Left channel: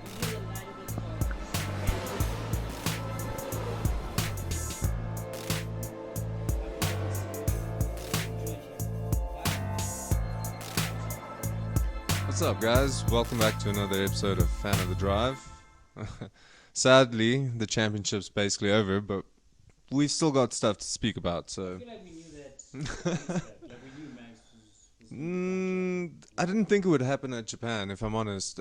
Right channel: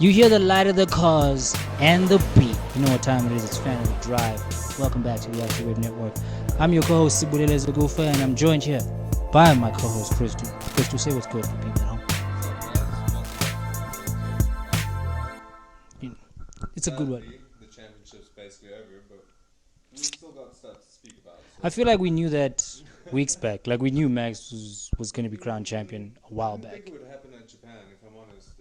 You hear the light of the cars and the beat. You know what time it is. It's Fan of the Drive. Welcome back to the USGP Network. I'm your co-host, Sibulele Zagufa, and I'm joined here by my co-host, Christo. Christo, say what's good, people at home. What's up, guys? Welcome back to another episode of Fan of the Drive. Sadly, the championship's basically over, but we still got stuff to speak about. So I feel like we knew that weeks back. Like we knew Max was going to be crowned champion a while I didn't back. think it would happen at Japan, if I'm honest.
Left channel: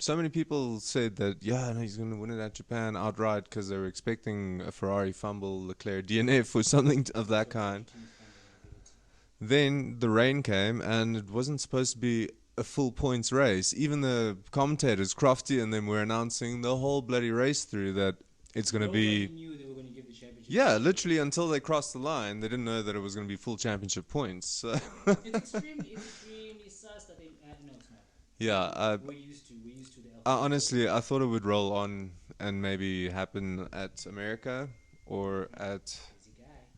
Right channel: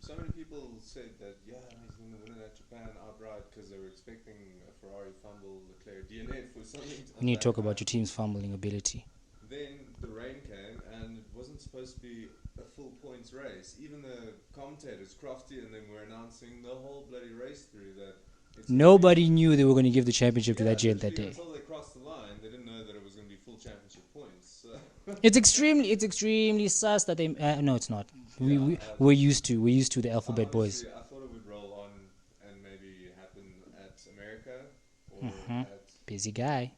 So many people said that, no, he's going to win it at Japan outright because they were expecting a Ferrari fumble, Leclerc DNF or something of You need that to talk kind. about your team's fumbling ability. Then the rain came, and it wasn't supposed to be a full points race. Even the commentators, Crofty and them, were announcing the whole bloody race through that it's going to be... Nobody knew they were going to give the championship to Yeah, Latifi literally that day. until they crossed the line, they didn't know that it was going to be full championship points. So It's extremely sus that they... no, it's not. Yeah, we're used to the alphabet honestly, boys. I thought it would roll on and maybe happen at America or at Busy guy.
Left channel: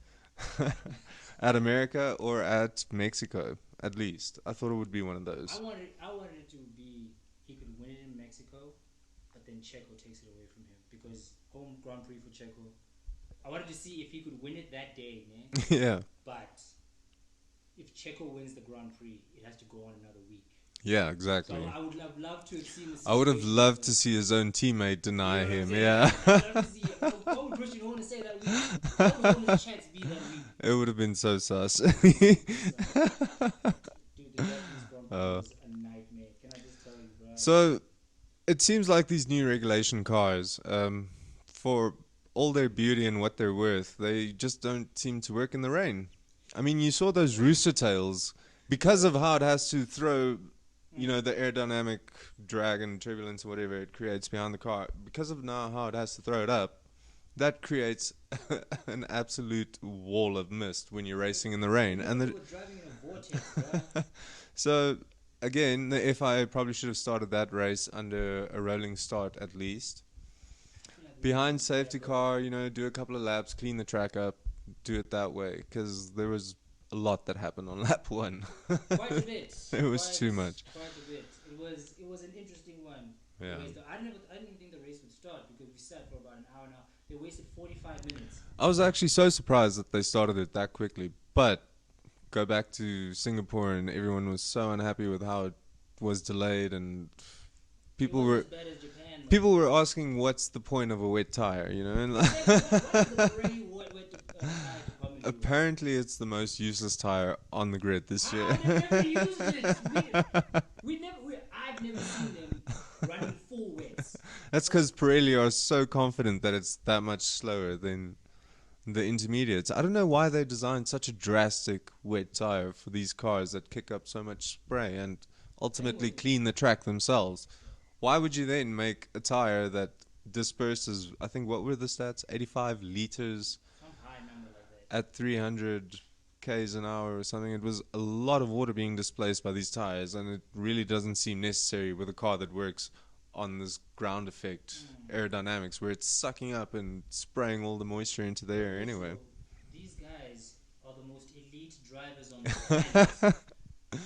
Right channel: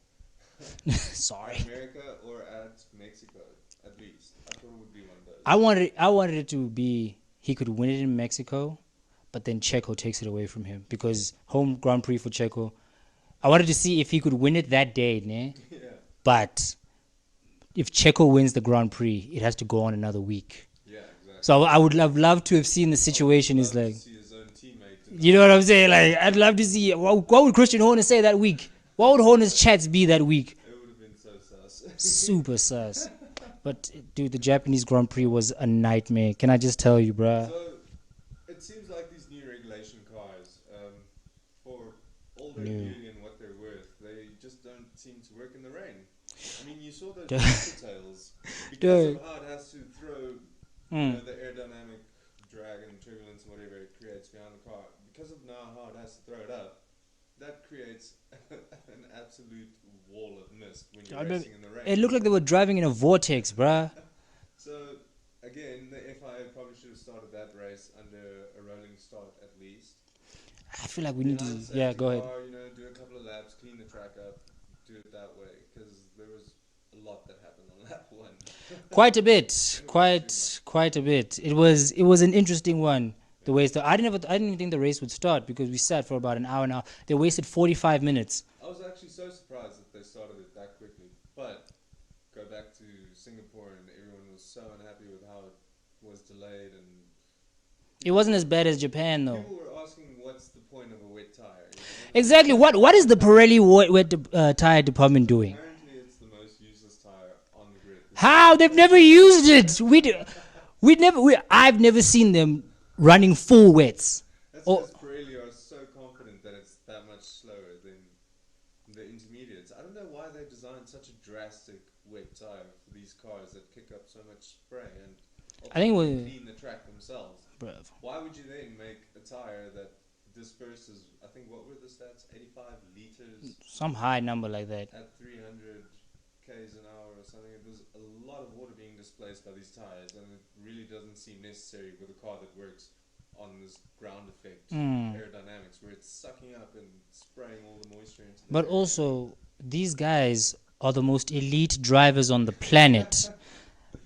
Sorry. at America or at Mexico, at least. I thought it would be one of those. I wanted it to be he could win it in Mexico, but then Checo takes it away from him because home Grand Prix for Checo. I wanted to see if he could win it that day, ne? Yeah. But if Checo wins the Grand Prix, it has to go on another week. Yeah, exactly. So I would have loved to have seen the situation. I would have loved to see his own teammate deny. You know what I'm saying? Yeah. Like I'd love to see what would Christian Horner say that week? What would Horner's chats be that week? It would have been so sus. Super sus. But dude, the Japanese Grand Prix was a nightmare. Can I just tell you, bruh? So it seems like these new regulation cars, for all their beauty and what they're worth, they just don't seem to work in the rain. I mean, you saw those rooster tails because of how it has to throw, you know, the aerodynamic drag and turbulence, whatever it creates behind the car. Because of now how it has to throw it up, that creates an absolute wall of mist when you're racing in the rain. It looked like they were driving in a vortex, bruh. So again, the FIA probably should have started that race under a rolling start at least. I feel like we Behind need to, safety go ahead. car, you know, do a couple of laps, clean the track up, do it that way. Because there was a lot that happened on lap one. Quite a bit. It was too much. Quite a bit. It was an interesting one. The way I didn't even think the race would start because we sat for about an hour now. They wasted 45 minutes. I was actually so surprised that they started it that quickly. But go back to Singapore and everyone was so unhappy with how it was delayed and It wasn't as bad as Japan, though. people were asking what's the point of a wet tire, you know? And Exactly. What is the Pirelli wet tire department doing? apparently it's the most useless tire on the grid this How? year. They've never used it. I've never seen them running full wets. That's because Pirelli are so confident that it's that much slower than the intermediates. I don't know why they designed such a drastic wet tire for these cars that kick up so much spray and ultimately clean the track themselves. Bruv. Why would you then make a tire that disperses, I think, what were the stats? 85 liters Some high number like that. at 300 k's an hour or something. It was a lot of water being displaced by these tires, and it really doesn't seem necessary with a car that works on this ground effect aerodynamics where it's sucking up and spraying all the moisture into the air. But also, anyway. these guys are the most elite drivers on the planet.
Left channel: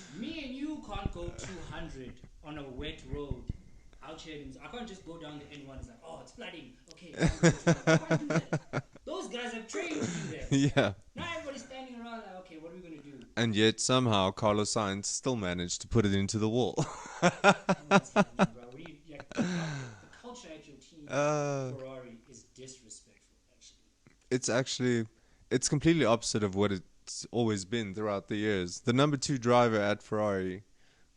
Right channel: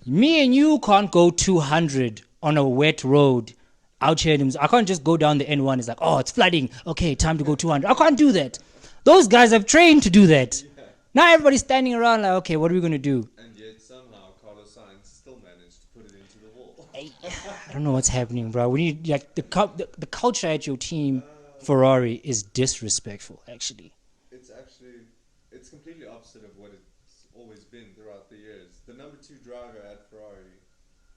Me and you can't go 200 on a wet road out here. I can't just go down the N1. It's like, oh, it's flooding. Okay, time to go 200. I can't do that. Those guys have trained to do that. Yeah. Now everybody's standing around like, okay, what are we going to do? And yet somehow Carlos Sainz still managed to put it into the wall. I don't know what's happening, bro. We need like the culture at your team, Ferrari, is disrespectful, actually. It's completely opposite of what it's always been throughout the years. The number 2 driver at Ferrari,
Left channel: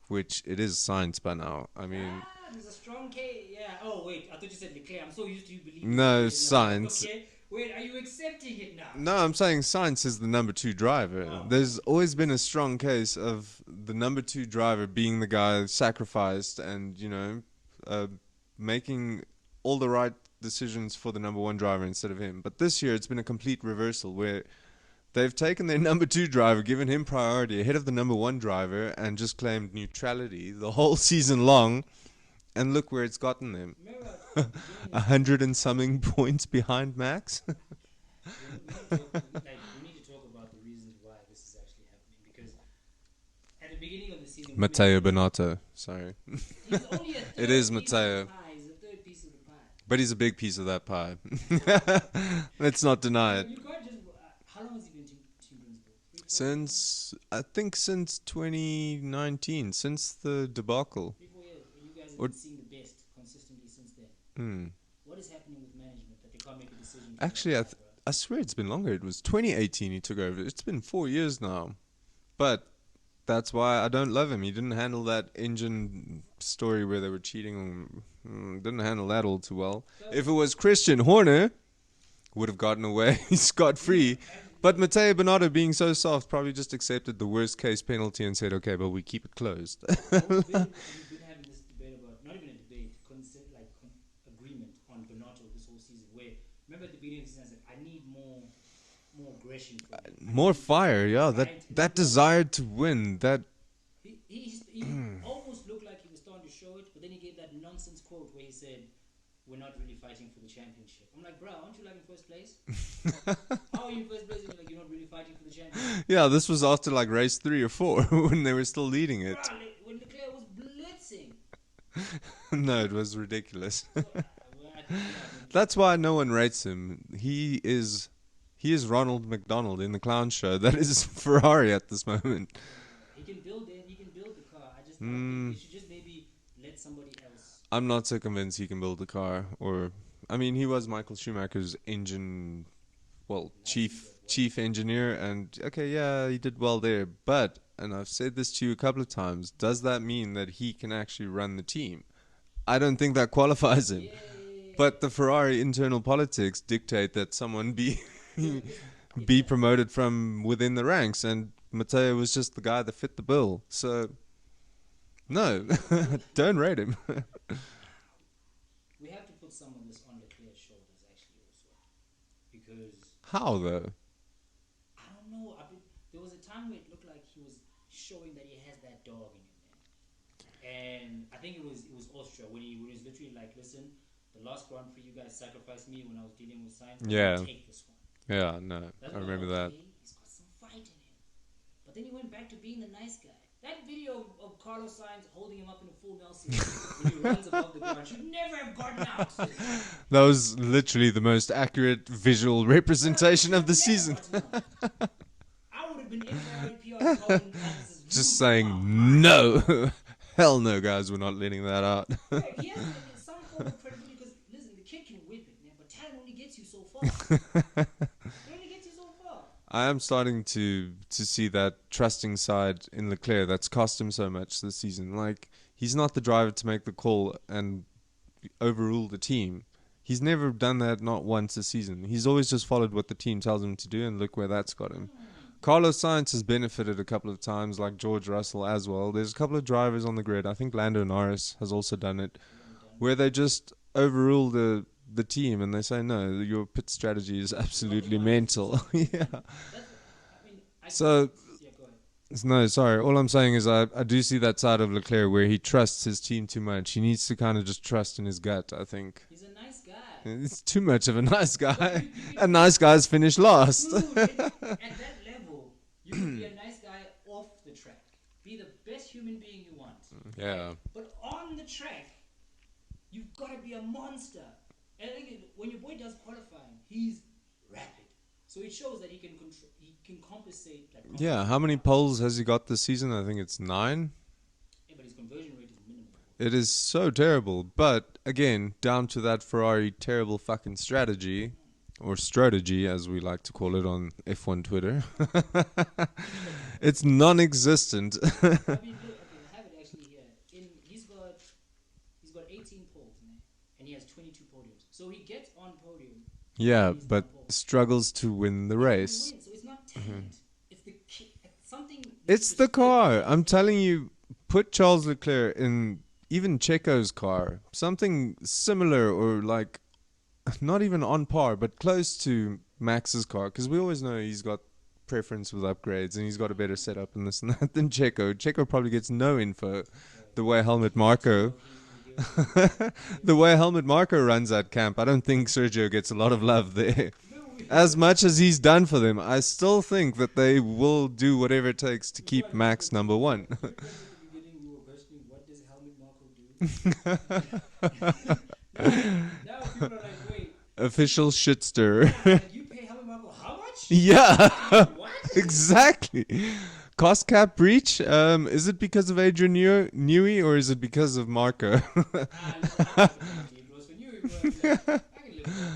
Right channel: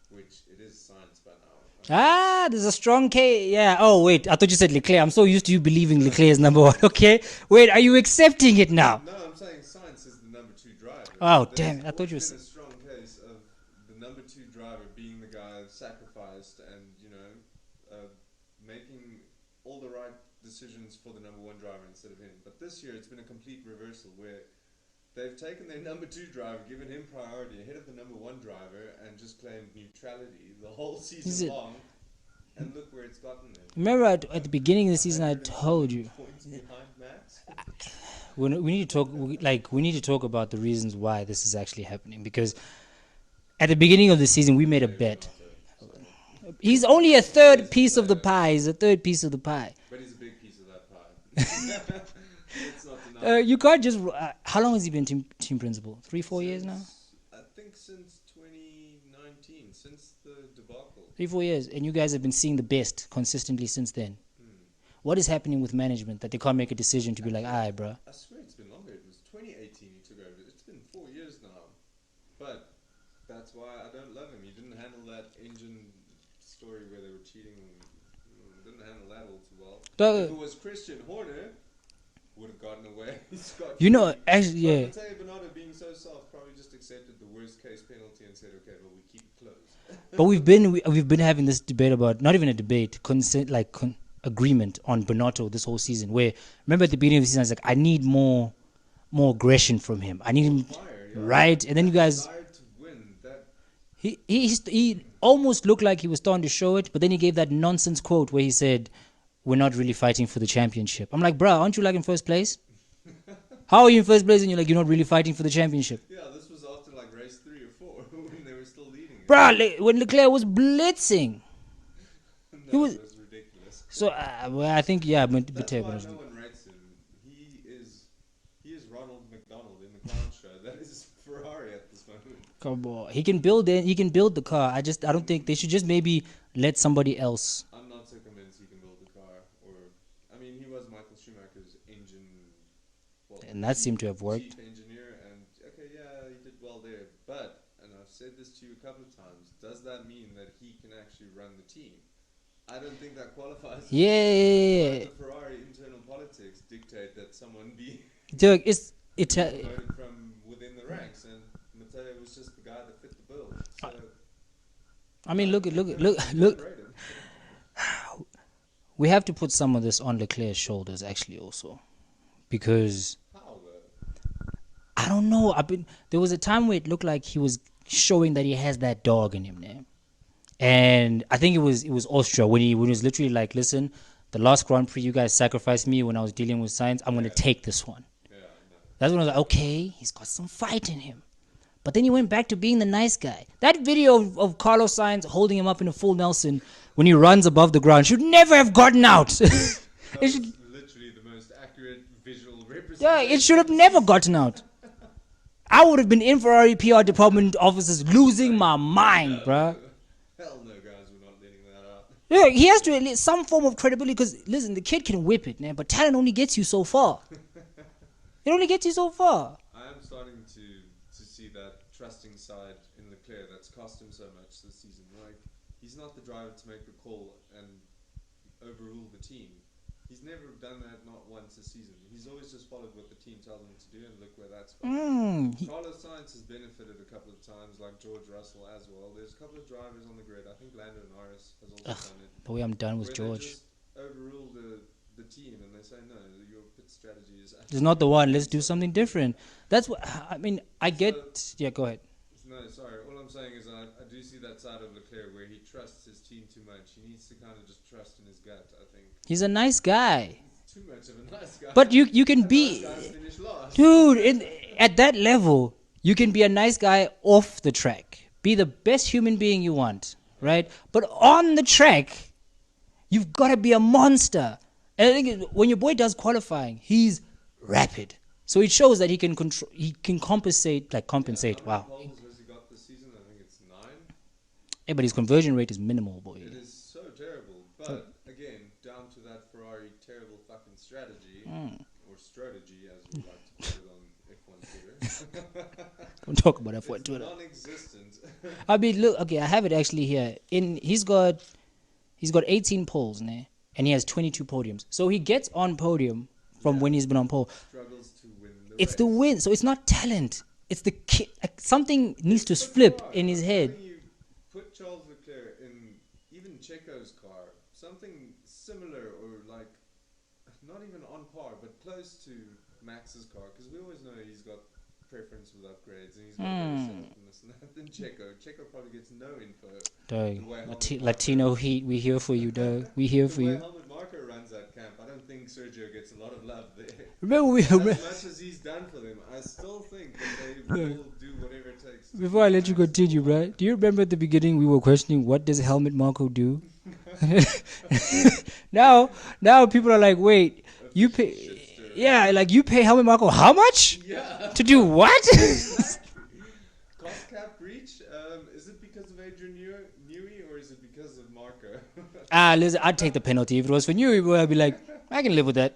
which it is Sainz by now. I mean, There's a strong case. Yeah. Oh, wait. I thought you said Leclerc. I'm so used to you believing No, Leclerc is number 1. Sainz. Okay. Wait, are you accepting it now? No, I'm saying Sainz is the number 2 driver. Oh, There's damn, I always thought you been a strong case of the number 2 driver being the guy sacrificed and, you know, making all the right decisions for the number 1 driver instead of him. But this year it's been a complete reversal where they've taken their number 2 driver, given him priority ahead of the number 1 driver, and just claimed neutrality the whole season long. And look where it's gotten them. Remember at the beginning of the season, 100 I and told something you. points behind Max. We need to talk. We need to talk about the reasons why this is actually happening because At the beginning of the season, we made a Matteo bet. Bonotto. Sorry. He's only a third is piece of the Matteo. pie. He's a third piece of the pie. But he's a big piece of that pie. Let's not deny it. You can't just. How long has he been team principal? 3-4 years now. I think since 2019, since the debacle. 3-4 years, and you guys have been seeing the best consistently since then. What is happening with management that they can't make a decision to Actually, be like, bro? I swear it's been longer. It was 2018 he took over. It's been 4 years now. But that's why I don't love him. He didn't handle that engine story where they were cheating. Didn't handle that all too well. But, if it was Christian Horner, would have gotten away scot-free. You know, actually, but yeah. Matteo Bonotto, being so soft, probably just accepted the worst case penalty and said, "Okay, but we keep it closed." But we've been having this debate about, not even a debate, agreement on Bonotto this whole season. Where remember at the beginning of the season, I was like, I need more aggression from him. I need More him, fire, yeah. right? That, And then that you guys, desire to win. That he almost looked like he was starting to show it, but then he gave that nonsense quote where he said, "We're not really fighting for the championship." I'm like, bruh, aren't you like in first place? How are you in first place and you're not really fighting for the championship? yeah, this was after like race 3 or 4 when they were still leading it. Bruh, when Leclerc was blitzing. No, it was ridiculous. So, well, I think, yeah. That's why no one rates him. He is Ronald McDonald in the clown show. That is Ferrari at this moment. Come on. He can build the car. I don't think they should just maybe let somebody else. I'm not so convinced he can build the car. He was Michael Schumacher's engine, And that seemed to have worked. chief engineer. And, okay, yeah, he did well there. But, and I've said this to you a couple of times, does that mean that he can actually run the team? I don't think that qualifies it. Yeah. But the Ferrari internal politics dictate that someone be promoted from within the ranks, and Matteo was just the guy that fit the bill. So, look. don't rate him. We have to put some of this on Leclerc's shoulders, actually, also, because How though? I don't know. There was a time where it looked like he was showing that he has that dog in him now. And I think it was Austria when he was literally like, listen, the last Grand Prix you guys sacrificed me when I was dealing with science. I'm going to take this one. Yeah, no. That's when I was like, okay, he's got some fight in him. But then he went back to being the nice guy. That video of Carlos Sainz holding him up in a full Nelson when he runs above the ground should never have gotten out. That was literally the most accurate visual representation It should of the have never season. gotten out. I would have been in Ferrari PR department offices losing saying, my mind. no. Bruh. Hell no, guys, we're not letting that out. Yeah, he has to at least some form of credibility because, listen, the kid can whip it, man, but talent only gets you so far. It only gets you so far. I am starting to see that trusting side in Leclerc that's cost him so much this season. Like, he's not the driver to make the call and overrule the team. He's never done that, not once this season. He's always just followed what the team tells him to do, and look where that's got him. Carlos Sainz has benefited a couple of times, like George Russell as well. There's a couple of drivers on the grid. I think Lando Norris has also done it. Boy, I'm done with where they George. just overrule the team, and they say, no, your pit strategy is absolutely It's not the one. Let's do mental." something different. That's what I mean. So- Yeah, go ahead. No, sorry. All I'm saying is I do see that side of Leclerc where he trusts his team too much. He needs to kind of just trust in his gut, I think. He's a nice guy, It's too much of a nice guy. but you can and be nice guys finish last. dude. At that level, you can be a nice guy off the track. Be the best human being you want, right? Yeah. But on the track, you've got to be a monster. And I think when your boy does qualifying, he's rapid. So it shows that he can control. He can compensate. Yeah, how many poles has he got this season? I think it's 9. Yeah, but his conversion rate is minimal, boy. It is so terrible. But again, down to that Ferrari terrible fucking strategy, or strategy as we like to call it on F1 Twitter. Talk about It's non-existent. I mean, look. Okay, I have it actually here. He's got 18 poles, né? And he has 22 podiums. So he gets on podium from when he's been but on pole. struggles to win the It's race. the win. So it's not talent. It's the kid. Something needs It's to the flip car. in his I'm head. telling you, put Charles Leclerc in even Checo's car, something similar or like not even on par, but close to Max's car, because we always know he's got preference with upgrades, and he's got a better setup and this and that than Checo. Checo probably gets no info. Dog. The way Helmut Latino Marko, Heat, we here for you, dog. We here the for way you. Helmut Marko runs that camp, I don't think Sergio gets a lot of love there. Remember we As much as he's done for them, I still think that they will do whatever it takes to Before I keep let Max you continue, number one. right? Do you remember at the beginning we were questioning what does Helmut Marko do? now people are like, wait, Official shit stirrer. yeah, like you pay Helmut Marko how much? Yeah. To do what? Exactly. Cost cap breach. Is it because of Adrian Newey or is it because of Marco? Listen, I'd take the penalty. If it was for you, I'd be like, I can live with that.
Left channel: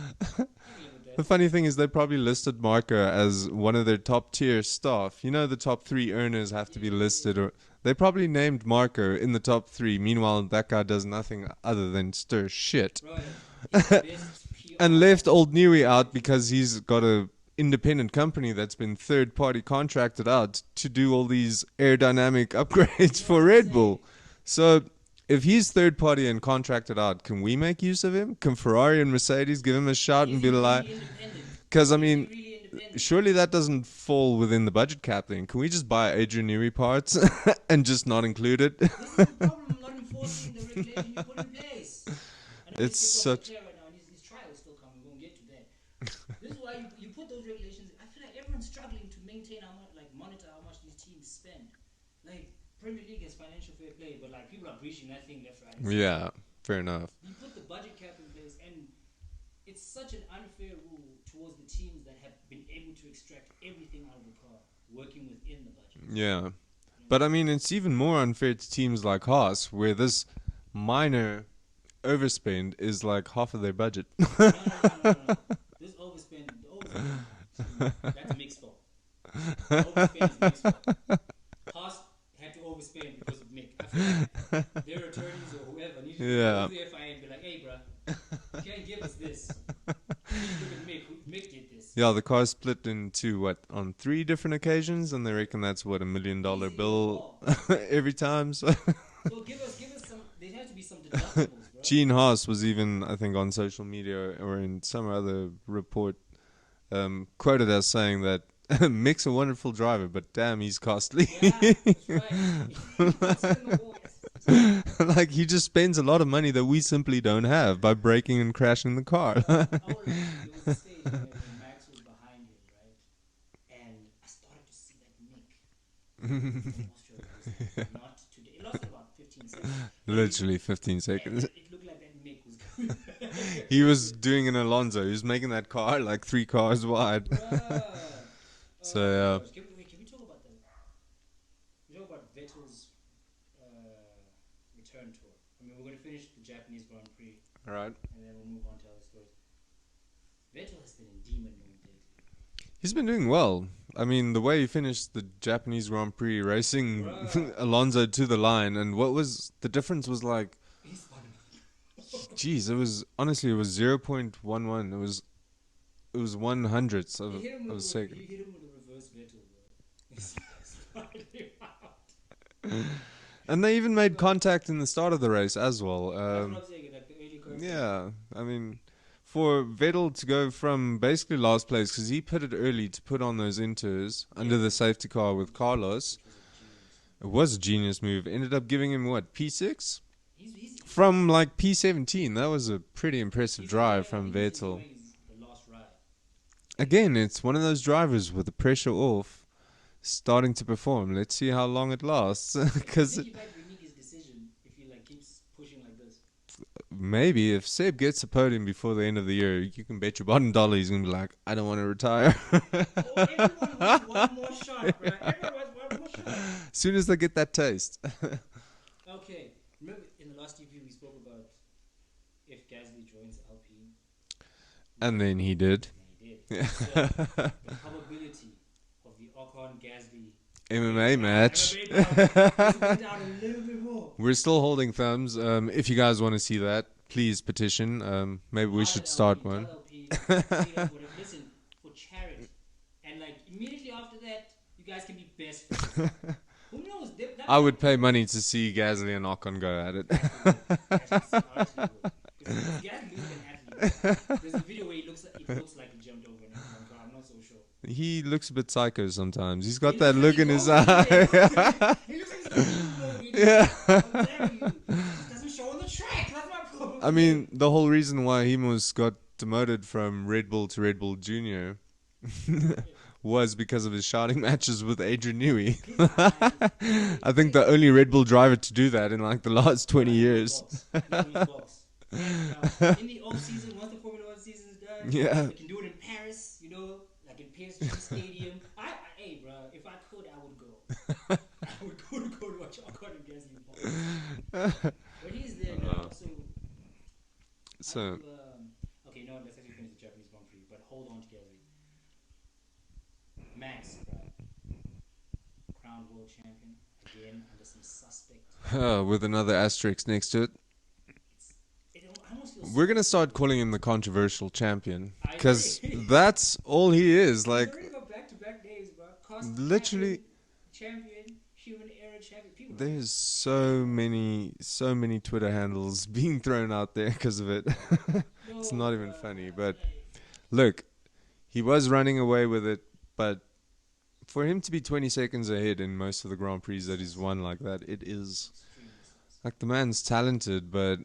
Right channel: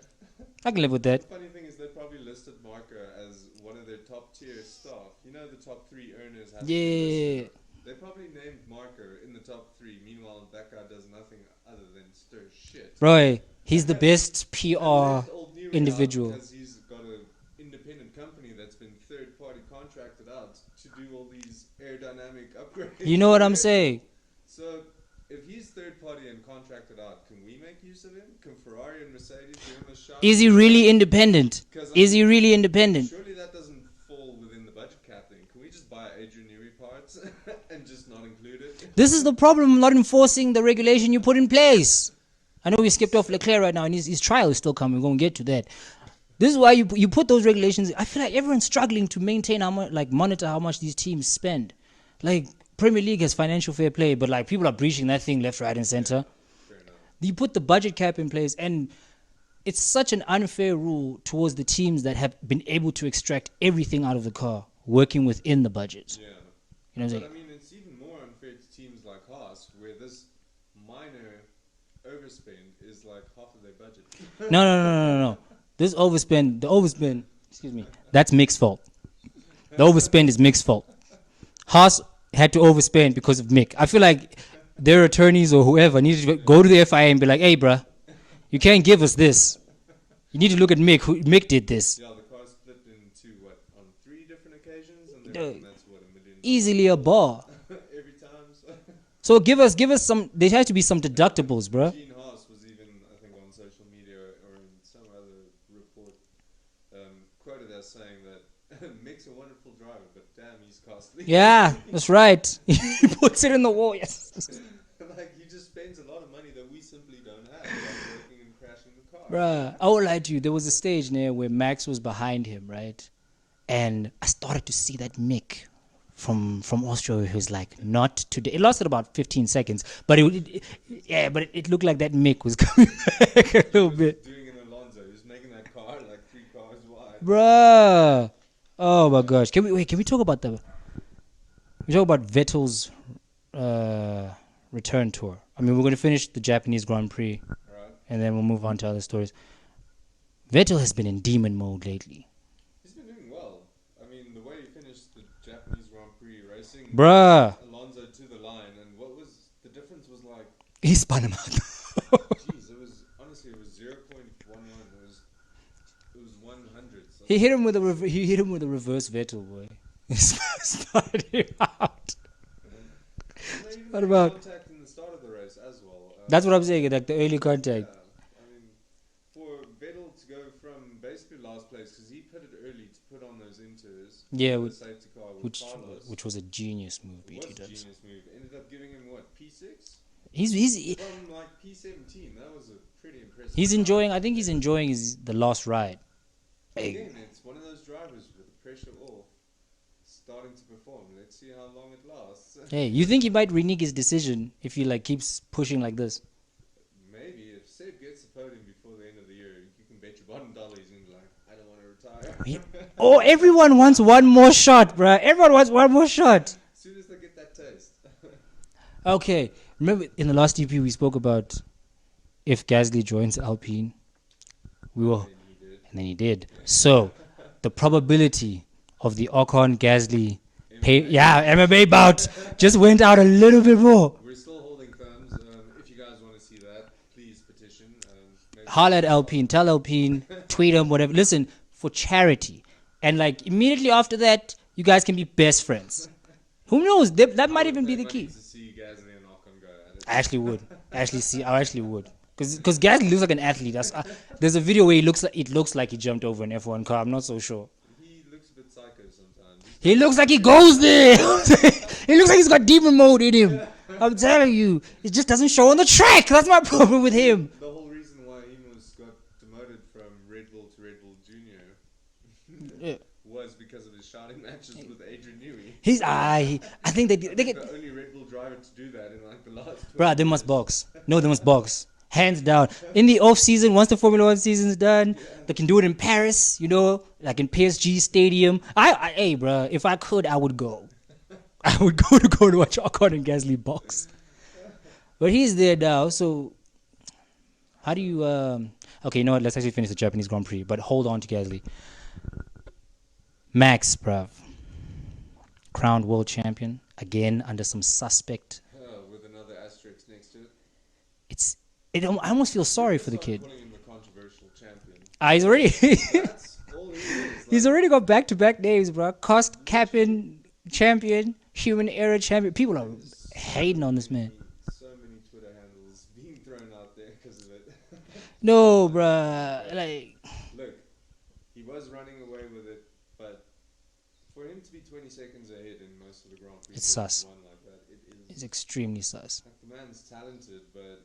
I can live with The that. funny thing is they probably listed Marco as one of their top tier staff. You know, the top 3 earners have to be listed. Yeah. Or they probably named Marco in the top 3. Meanwhile, that guy does nothing other than stir shit. Roy, he's the best PR. And left old Newey out individual. because he's got a independent company that's been third party contracted out to do all these aerodynamic upgrades. You know for what I'm Red saying? Bull. So if he's third party and contracted out, can we make use of him? Can Ferrari and Mercedes give him a shot? Is and he be really like, independent? 'Cause, I Is he mean, really independent? surely that doesn't fall within the budget cap then. Can we just buy Adrian Newey parts and just not include it? This is the problem, not enforcing the regulation you put in place. I know we It's skipped off so- Leclerc right now, and his trial is still coming. We're going to get to that. This is why you put those regulations. I feel like everyone's struggling to maintain how much, like monitor how much these teams spend. Like Premier League has financial fair play, but like people are breaching that thing left, right, and center. Yeah, fair enough. You put the budget cap in place, and it's such an unfair rule towards the teams that have been able to extract everything out of the car, working within the budget. Yeah. You know, But I mean, it's even more unfair to teams like Haas, where this minor overspend is like half of their budget. No. The overspend, excuse me, that's Mick's fault. The overspend is Mick's fault. Haas had to overspend because of Mick. I feel like their attorneys or whoever need to go to the FIA and be like, hey, bruh, you can't give us this. You need to look at Mick. Mick did this. Yeah, the car split into what, on 3 different occasions, and they reckon that's what, $1 million Easily a bill bar. every time. So So give us some. There has to be some deductibles, bruh. Gene Haas was even, I think, on social media or in some other report, quoted as saying that Mick's a wonderful driver, but damn, he's costly. Yeah, that's right. He puts it in the wall. Yes. Like he just spends a lot of money that we simply don't have by breaking and crashing the car. Bruh, I won't lie to you. There was a stage there where Max was behind him, right? And I started to see that Mick from Austria who's like, not today. It lasted about 15 seconds. But Literally 15 seconds. Yeah, but it looked like that Mick was coming back a He little was bit. doing an Alonso. He was making that car like 3 cars wide. Bruh. Oh So, my yeah. gosh. Can we talk about Vettel's return tour? I mean, we're going to finish the Japanese Grand Prix Right. and then we'll move on to other stories. Vettel has been in demon mode lately. He's been doing well. I mean, the way he finished the Japanese Grand Prix racing Bruh. Alonso to the line, and what was the difference was like, He spun him out. geez, it was honestly it was 0.11. It was 100ths. He hit him with of a sec. he hit him with a reverse Vettel, boy. He spun him out. And they even What made about- contact in the start of the race as well. That's what I'm saying. Like the early contact. Yeah, I mean, for Vettel to go from basically last place, because he pitted early to put on those inters Yeah, under the safety car with Carlos. which was a genius move. It was a genius move. Ended up giving him what, P6 He's from like P17. That was a pretty impressive. he's drive enjoying. I from think he's Vettel. enjoying the last ride. Like, Again, it's one of those drivers with the pressure off, starting to perform. Let's see how long it lasts. hey, you 'Cause think he might renege his decision if he like keeps pushing like this? maybe if Seb gets a podium before the end of the year, you can bet your bottom dollar he's gonna be like, I don't want to retire. Oh, everyone wants one more shot, bruh. Everyone wants one more shot. As soon as they get that taste. Okay, remember in the last EP we spoke about if Gasly joins Alpine. And then he did. And then he did. So the probability of the Ocon Gasly match. MMA bout just went out a little bit more. We're still holding thumbs. If you guys want to see that, please petition. Maybe we Holla should at start Alpine, one. tell Alpine, tweet them, whatever. Listen, for charity. And like immediately after that, you guys can be best friends. Who knows? That I might would even pay be the money case. to see Gasly and Ocon go at it. I actually would. I actually would. Because Gasly looks like an athlete. There's a video where it looks like he jumped over an F1 car. I'm not so sure. He looks a bit psycho sometimes. He's got He that looks like he look in his goes eye. there. He looks like he's got demon mode in him. I'm telling you, it just doesn't show on the track. That's my problem with him. The whole reason why he got demoted from Red Bull to Red Bull Junior was because of his shouting matches with Adrian Newey. I think the only Red Bull driver to do that in like the last 20 years. They must box. No, they must box. Hands down. In the off season, once the Formula One season's done, they can do it in Paris, like in PSG Stadium. Hey, bro, if I could, I would go. I would go to watch Ocon and Gasly box. But he's there now, so how do you... okay, you know what? Let's actually finish the Japanese Grand Prix, but hold on to Gasly. Max, bruv. Crowned world champion, again under some suspect. With another asterisk next to it. I almost feel sorry for the kid. We're going to start calling him the controversial champion. He's already... That's all he is. He's already got back-to-back names, bro. Cost captain, champion, human error champion. People are hating on this man. So many Twitter handles being thrown out there because of it. No, bro. Look, he was running away with it, but for him to be 20 seconds ahead in most of the Grand Prix that he's won like that, it's extremely sus. Like, the man's talented, but...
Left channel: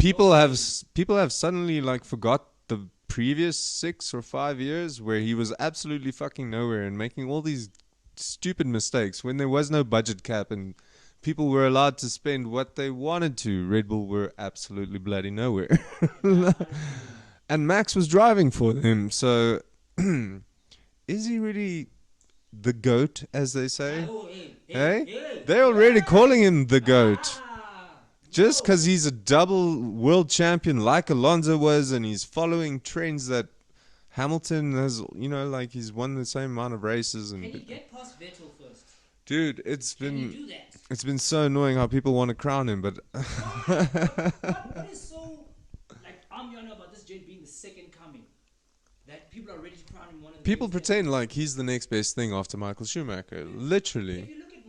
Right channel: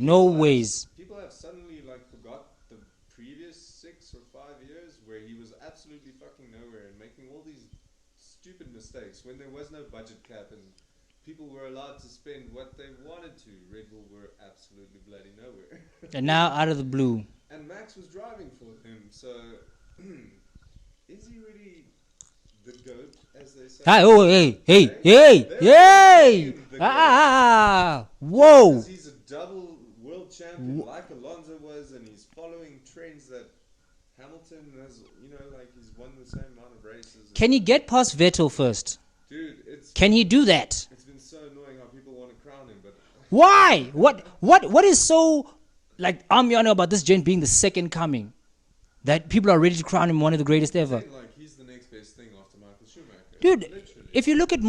people have suddenly like forgot the previous 6 or 5 years where he was absolutely fucking nowhere and making all these stupid mistakes when there was no budget cap and people were allowed to spend what they wanted to. Red Bull were absolutely bloody nowhere. And now out of the blue. And Max was driving for them, so is he really the GOAT, as they say? They're already calling him the GOAT. Just because he's a double world champion like Alonso was, and he's following trends that Hamilton has, he's won the same amount of races. Can he get past Vettel first? Dude, Can he do that? It's been so annoying how people want to crown him, but... Why? What is so, Amiano about this gent being the second coming? That people are ready to crown him one of the greatest ever. People pretend like he's the next best thing after Michael Schumacher. Dude, literally. If you look at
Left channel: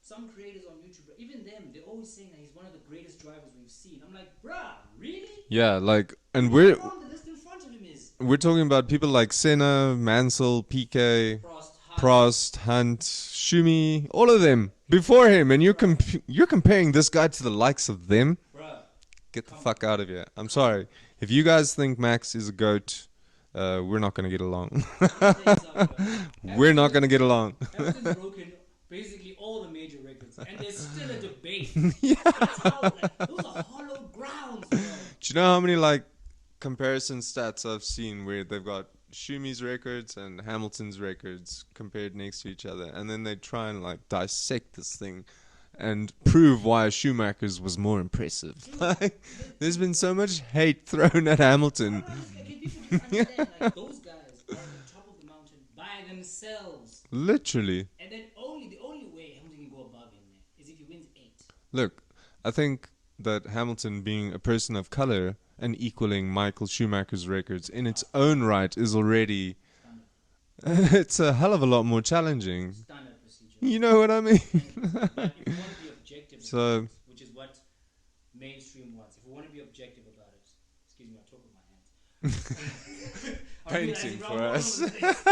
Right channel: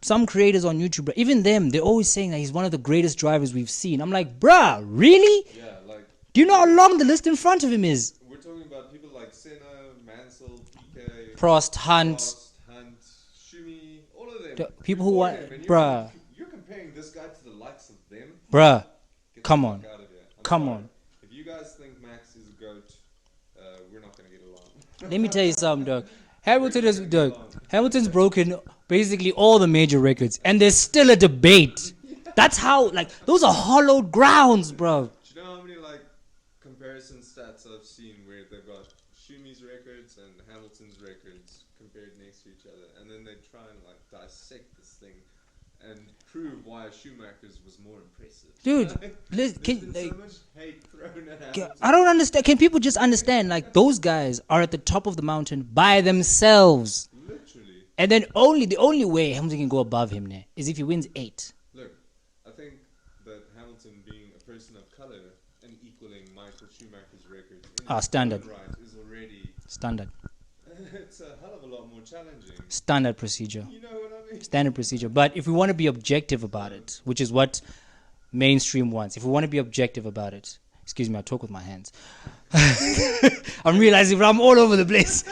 some creators on YouTube, even them, they're always saying that he's one of the greatest drivers we've seen. I'm like, bruh, really? Yeah, do you know how long the list in front of him is? We're talking about people like Senna, Mansell, Piquet, Prost, Hunt, Schumi, all of them before him, and you're comparing this guy to the likes of them? Bruh, get the fuck out of here. I'm sorry. If you guys think Max is a GOAT, we're not going to get along. Let me tell you something, though. We're not going to get along. Hamilton's broken basically all the major records, and there's still a debate. That's how, those are hollowed grounds, bro. Do you know how many, comparison stats I've seen where they've got Schumi's records and Hamilton's records compared next to each other, and then they try and, dissect this thing and prove why Schumacher's was more impressive. Dude, there's been so much hate thrown at Hamilton. I don't understand. Can people just understand? Those guys are at the top of the mountain by themselves. Literally. And then the only way Hamilton can go above him now is if he wins 8. Look, I think that Hamilton being a person of color and equaling Michael Schumacher's records in its own right is already... Standard. It's a hell of a lot more challenging. Standard procedure. You know what I mean? Standard procedure. But if we want to be objective about it, which is what mainstream wants, if we want to be objective about it, excuse me, I talk with my hands. I'm realizing I'm all over the place.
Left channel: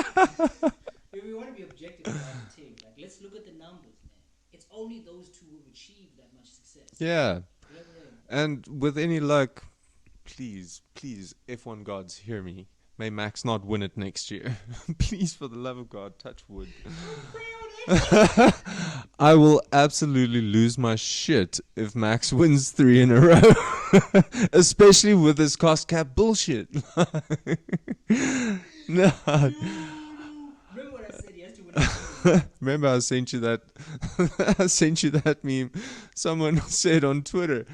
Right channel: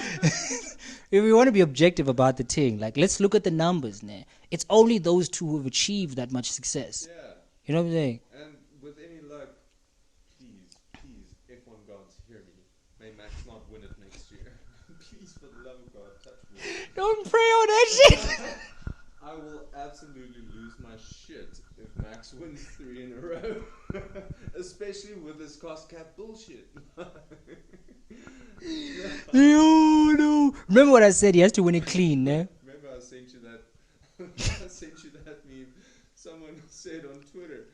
If we want to be objective about the thing, let's look at the numbers now. It's only those two who have achieved that much success. Yeah. You know what I'm saying? And with any luck, please, F1 gods, hear me. May Max not win it next year. Please, for the love of God, touch wood. Don't pray on that shit. I will absolutely lose my shit if Max wins 3 in a row. Especially with this cost cap bullshit. No. Remember what I said? He has to win it clean. Man. Remember I sent you that meme. Someone said on Twitter,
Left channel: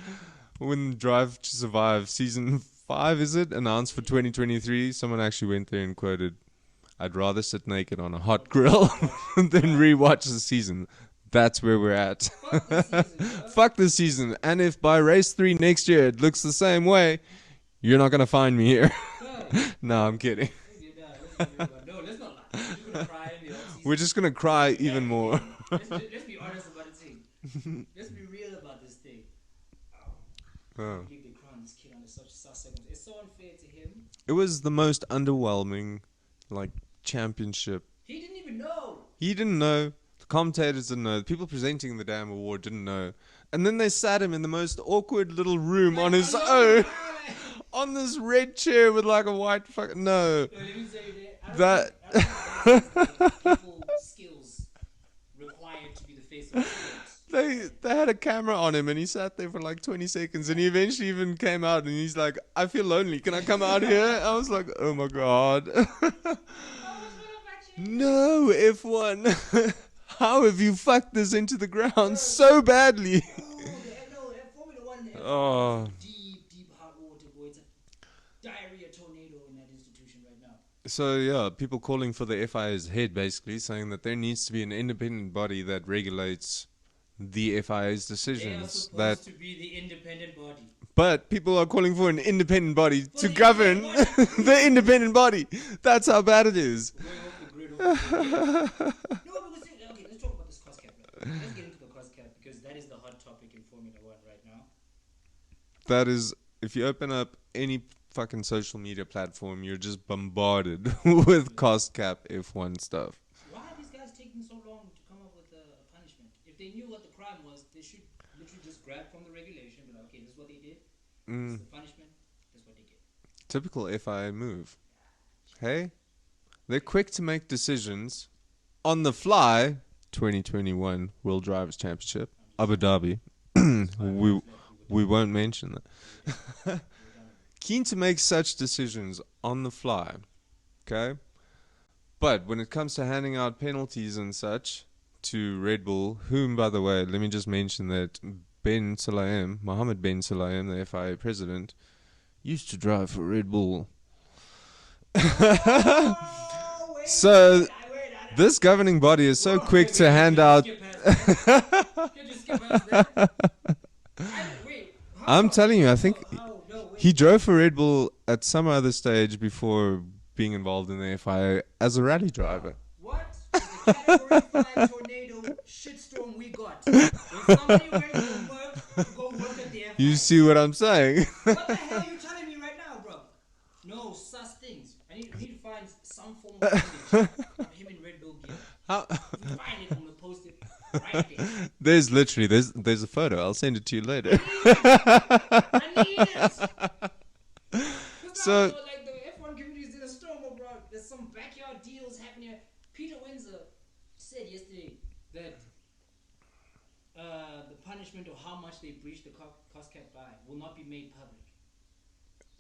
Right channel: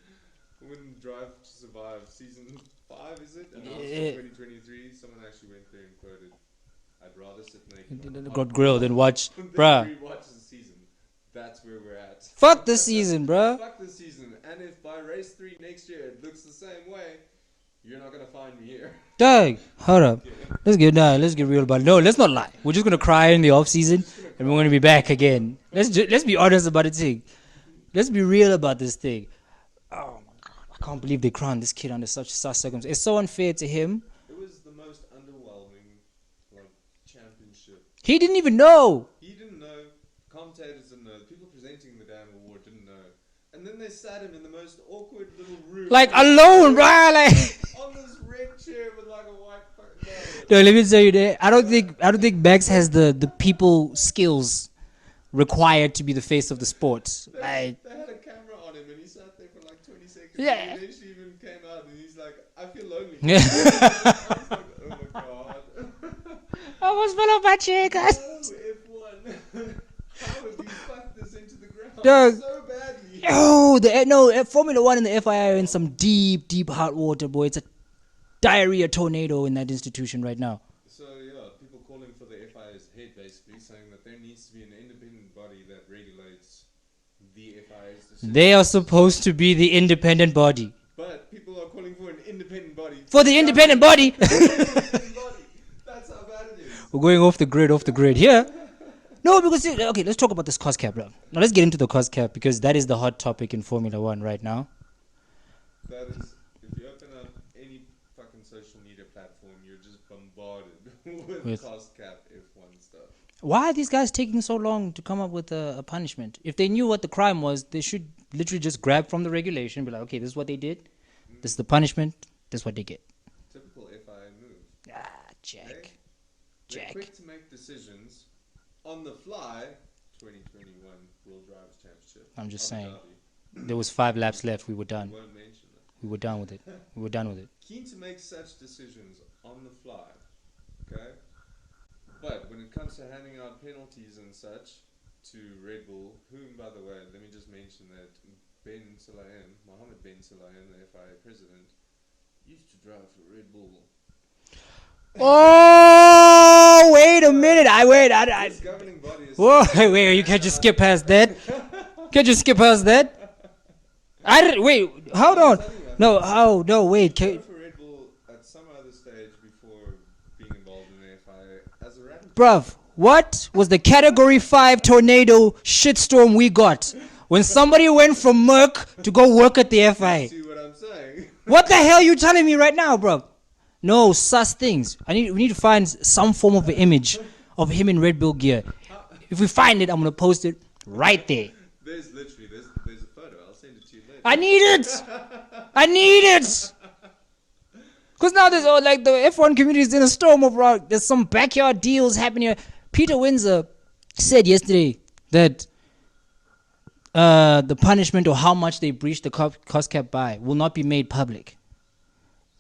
when Drive to Survive season 5, is it, announced for 2023, someone actually went there and quoted, "I'd rather sit naked on a hot grill than watch than rewatch the season." That's where we're at. Fuck the season, bro. Fuck the season. And if by race 3 next year it looks the same way, you're not gonna find me here. Dang. Hold on. I'm kidding. Let's get real about it. No, let's not lie. We're just gonna cry in the off season. We're just gonna cry. We're gonna be back again. Let's be honest about the thing. Let's be real about this thing. Oh my God. I can't believe they crowned this kid under such circumstances. It's so unfair to him. It was the most underwhelming, like, championship. He didn't even know. He didn't know. The commentators didn't know. The people presenting the damn award didn't know. And then they sat him in the most awkward little room, Like on his alone, own, bro. Like on this red chair with like a white fucking no. no, let me tell you that I don't think Max has the people skills required to be the face of the sport. They had a camera on him and he sat there for like 20 seconds Yeah. and he eventually even came out and he's like, I feel lonely. Can I come out here? I was like, oh my God. I almost fell off my chair, guys. No, F1. How have you fucked this into the ground Dog. so badly? Oh, Formula One and the FIA are in some deep hot water, boy. It's a diarrhea tornado in that institution right now. So yeah, people calling for the FIA's head, basically saying that there needs to be an independent body that regulates the FIA's decisions. They are supposed to be the independent body. But people are calling for an independent body. For the independent body. The independent body. That's how bad it is. We're going off the grid here. No, because, okay, let's talk about this cost cap, bro. Now let's get into the cost cap because that is the hot topic in Formula One right now. That is, if you open up any fucking social media platform, you're just bombarded with cost cap F1 stuff. Why are these guys taking so long to come up with a punishment? If they knew what the crime was, they should literally just grab from the regulation and be like, okay, this is what they did. This is the punishment. This is what they get. Typical FIA move. Jack. Hey? They're Jack. quick to make decisions on the fly. 2021 World Drivers' Championship, I'm just Abu saying. Dhabi. There was 5 laps left. We were done. We won't mention that. We were done with it. We were done with it. Keen to make such decisions on the fly, okay? But when it comes to handing out penalties and such to Red Bull, whom, by the way, let me just mention that Mohammed Ben Sulayem, the FIA president, used to drive for Red Bull. Oh, wait a minute. This governing body is so quick to you hand can't out... just skip past that. Can't just skip past that. I'm telling you, I think wait. he drove for Red Bull at some other stage before being involved in the FIA as a rally driver. Bruv, what was the Category 5 tornado shitstorm we got when somebody went from Merck to go work at the FIA? You see what I'm saying? What the hell are you telling me right now, bruv? No, sus things. We need to find some form of an image of him in Red Bull gear. If we find it, I'm going to post it right there. There's a photo. I'll send it to you later. I need it. Because now there's the F1 community is in a storm of rock. There's some backyard deals happening here. Peter Windsor said yesterday that the punishment or how much they breached the cost cap by will not be made public.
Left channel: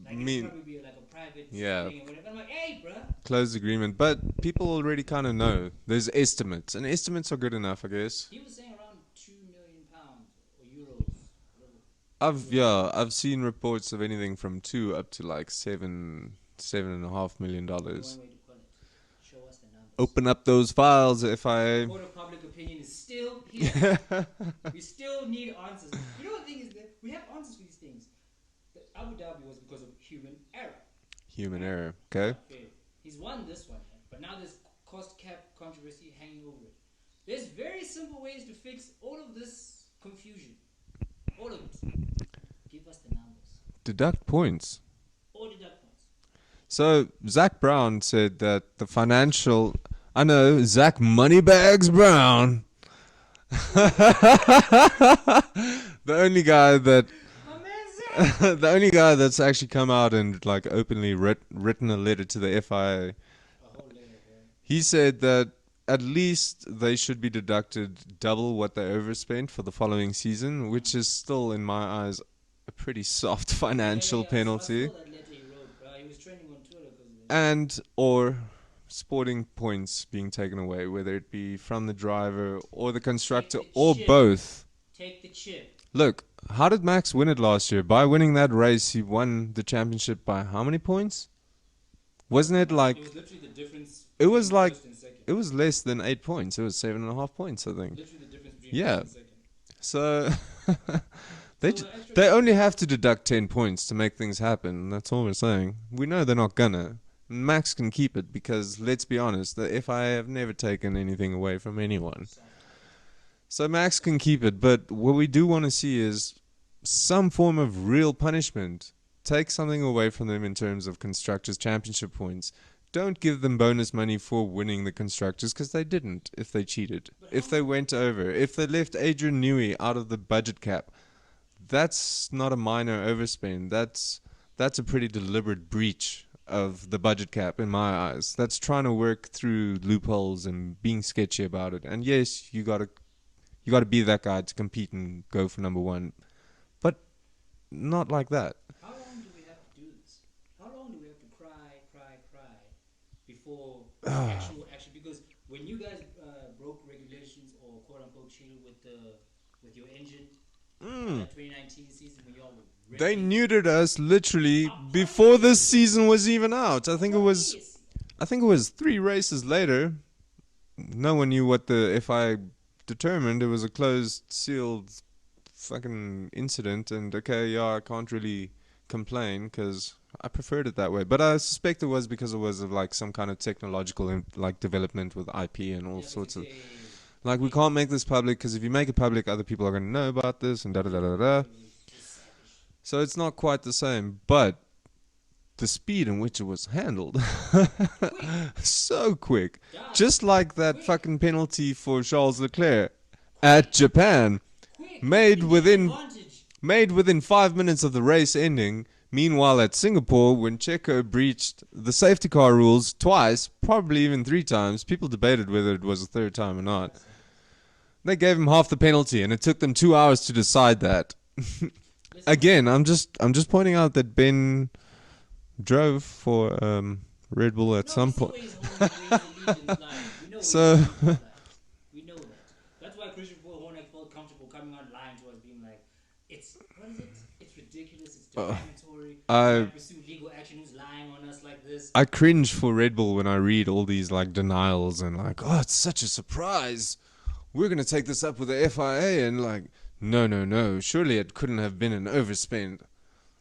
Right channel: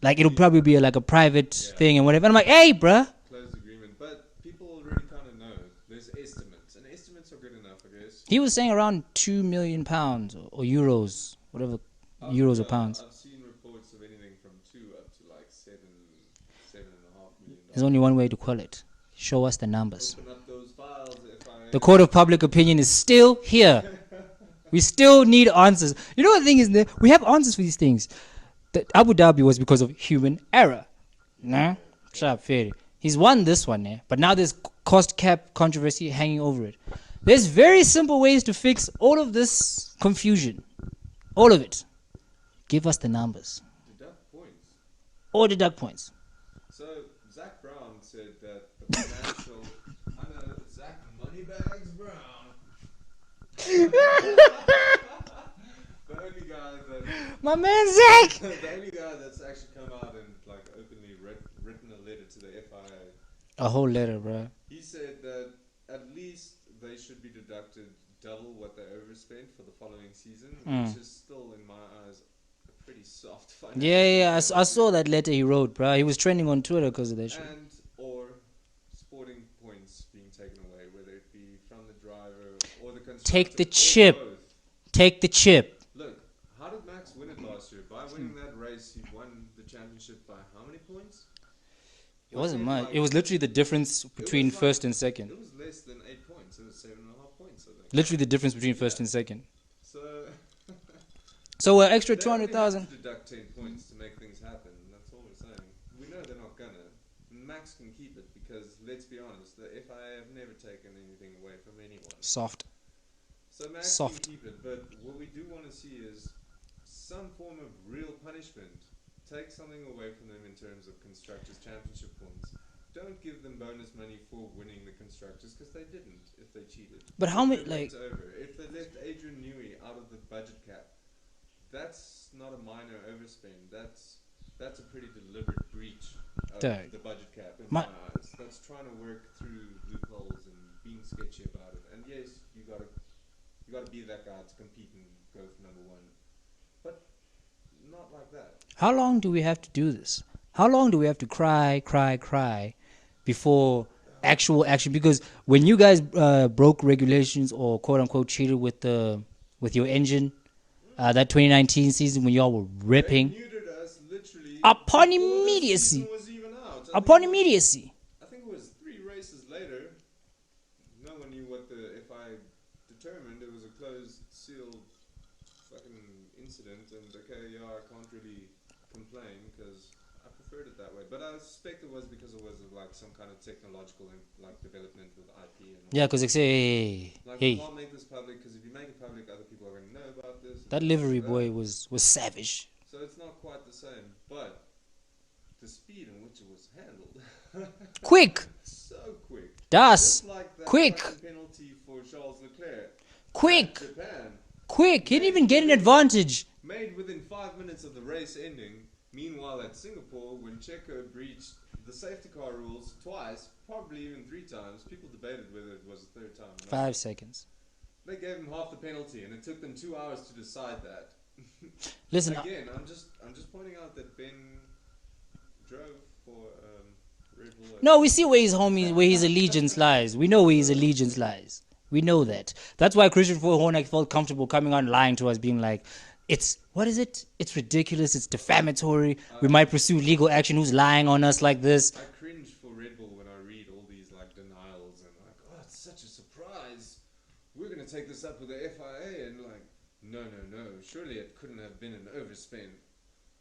Like, it'll probably be a private thing and whatever. And I'm like, hey, bruh. Closed agreement. But people already kind of know. There's estimates. And estimates are good enough, I guess. He was saying around £2 million or euros, whatever. Euros or pounds. I've seen reports of anything from 2 up to like $7.5 million. There's only one way to call it. Show us the numbers. Open up those files. The court of public opinion is still here. We still need answers. You know what the thing is? We have answers for these things. The Abu Dhabi was because of human error. Error. Okay. Shut up, fair. He's won this one, but now there's cost cap controversy hanging over it. There's very simple ways to fix all of this confusion. All of it. Give us the numbers. Deduct points. Or deduct points. So, Zach Brown said that the financial... I know, Zach Moneybags Brown. The only guy that... My man Zach! The only guy that's actually come out and openly written a letter to the FIA. A whole letter, bro. He said that at least they should be deducted double what they overspent for the following season, which is still, in my eyes, a pretty soft financial penalty. I saw that letter he wrote, bro. He was trending on Twitter because of that shit. And or sporting points being taken away, whether it be from the driver or the constructor or both. Take the chip. Look, how did Max win it last year? By winning that race, he won the championship by how many points? Wasn't it like... It was literally the difference between first and second. It was less than 8 points. It was 7.5 points, I think. Literally the difference between first and second. So... extra. They only have to deduct 10 points to make things happen. That's all we're saying. We know they're not gonna. Max can keep it because, let's be honest, the FIA have never taken anything away from anyone. Soft. So Max can keep it, but what we do want to see is some form of real punishment. Take something away from them in terms of Constructors' Championship points. Don't give them bonus money for winning the Constructors, because they didn't if they cheated. But how if they much, went over. If they left Adrian Newey out of the budget cap, that's not a minor overspend. That's a pretty deliberate breach of Dang. the budget cap in my eyes. That's trying to work through loopholes and being sketchy about it. And yes, you gotta be that guy to compete and go for number one, but not like that. How long do we have to do this? How long do we have to cry before actual action? Because when you guys broke regulations or quote unquote cheated with your engine, that 2019 season when y'all were ripping, They neutered us literally Upon before the immediacy. season was even out. upon immediacy. I think it was 3 races later. No one knew what the FI determined. It was a closed, sealed, fucking incident. And okay, yeah, I can't really complain because I preferred it that way. But I suspect it was because it was of like some kind of technological like development with IP and all. Yeah, because they sorts say like hey, we can't make this public because if you make it public, other people are going to know about this. And that livery da-da-da-da-da. boy was savage. So it's not quite the same, but the speed in which it was handled, Quick, so quick, Das, just like that quick. fucking penalty for Charles Leclerc quick, at Japan, quick. He made didn't even get an within- advantage. made within 5 minutes of the race ending. Meanwhile, at Singapore, when Checo breached the safety car rules twice, probably even 3 times, people debated whether it was a third time or not. 5 seconds. They gave him half the penalty, and it took them 2 hours to decide that. Listen, Again, I'm just pointing out that Ben drove for Red Bull at no, some we see point. where his allegiance lies. We know where his So- allegiance lies. We know that. That's why Christian Horner felt comfortable coming out and lying to us, being like, "It's what is it? It's ridiculous. It's defamatory. We I- might pursue legal action. Who's lying on us like this?" I cringe for Red Bull when I read all these like denials and like, oh, it's such a surprise. We're gonna take this up with the FIA and like, no. Surely it couldn't have been an overspend.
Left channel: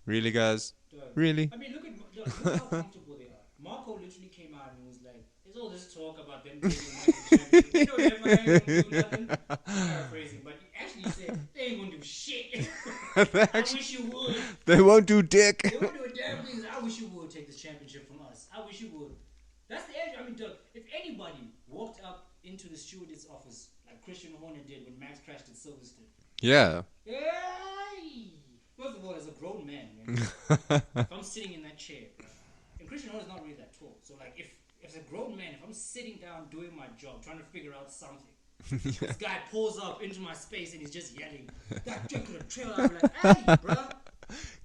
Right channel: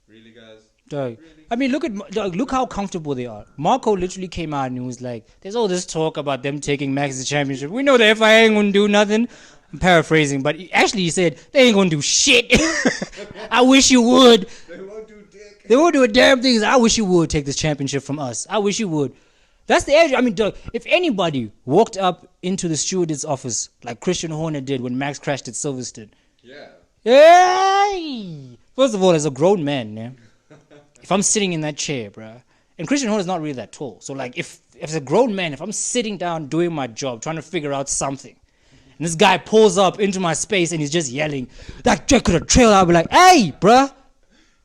Really, guys? Dog. Really? I mean, look how comfortable they are. Marco literally came out and he was like, "There's all this talk about them taking Max's championship. We know the FIA ain't gonna do nothing." Paraphrasing, but actually he said they ain't gonna do shit. I wish you would. They won't do dick. They won't do a damn thing. I wish you would take this championship from us. I wish you would. That's the edge. I mean, dog, if anybody walked up into the stewardess office like Christian Horner did when Max crashed at Silverstone, Yeah. hey! First of all, as a grown man, yeah, if I'm sitting in that chair, bruh, and Christian Horner's not really that tall, so like if as a grown man, if I'm sitting down doing my job, trying to figure out something, and this guy pulls up into my space and he's just yelling, "That Jack could have trailed," I'll be like, "Hey, bruh!"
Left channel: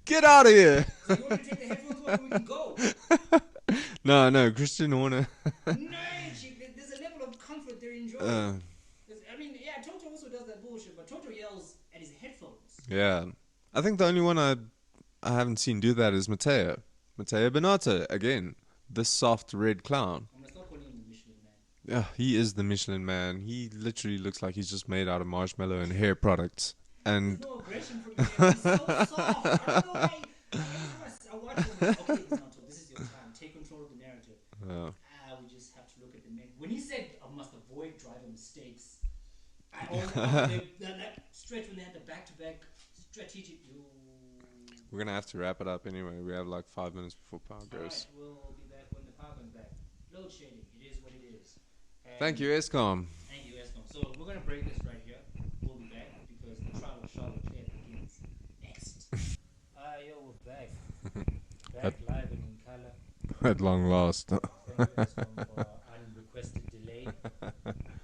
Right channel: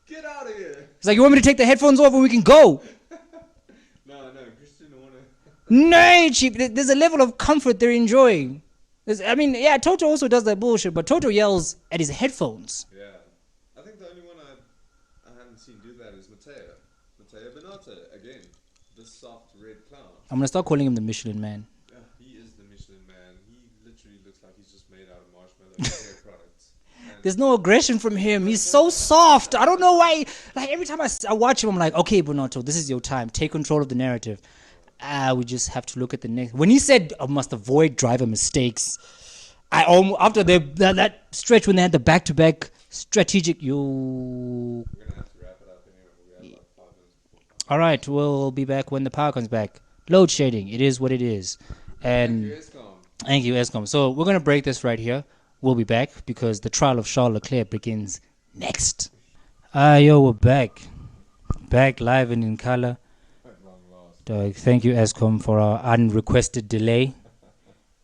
Get out of here. It's like, "You want me to take the headphones off and we can go?" No, Christian Horner. No, cheap. There's a level of comfort they're enjoying. I mean, yeah, Toto also does that bullshit, but Toto yells at his headphones. Yeah. I think the only one I haven't seen do that is Matteo Binotto, again. The soft red clown. I'm gonna start calling him the Michelin Man. Yeah, he is the Michelin Man. He literally looks like he's just made out of marshmallow and hair products. And There's no aggression from him. He's so soft. I don't know why. Like every time I watch him, I'm like, "Okay, Bonotto, this is your time. Take control of the narrative." We just have to look at the next. When he said, "I must avoid driver mistakes," I almost after that stretch when they had the back-to-back strategic. we're gonna have to wrap it up anyway. We have like 5 minutes before power. All right, we'll be back when the power comes back. Load shedding. It is what it is. And Thank you, ESCOM. Thank you, Escom. So we're gonna break this right here. We'll be back because the trial of Charles Leclerc begins next. Yo, we're back. Back live and in color. At long last. Thank you, Escom, for our unrequested delay.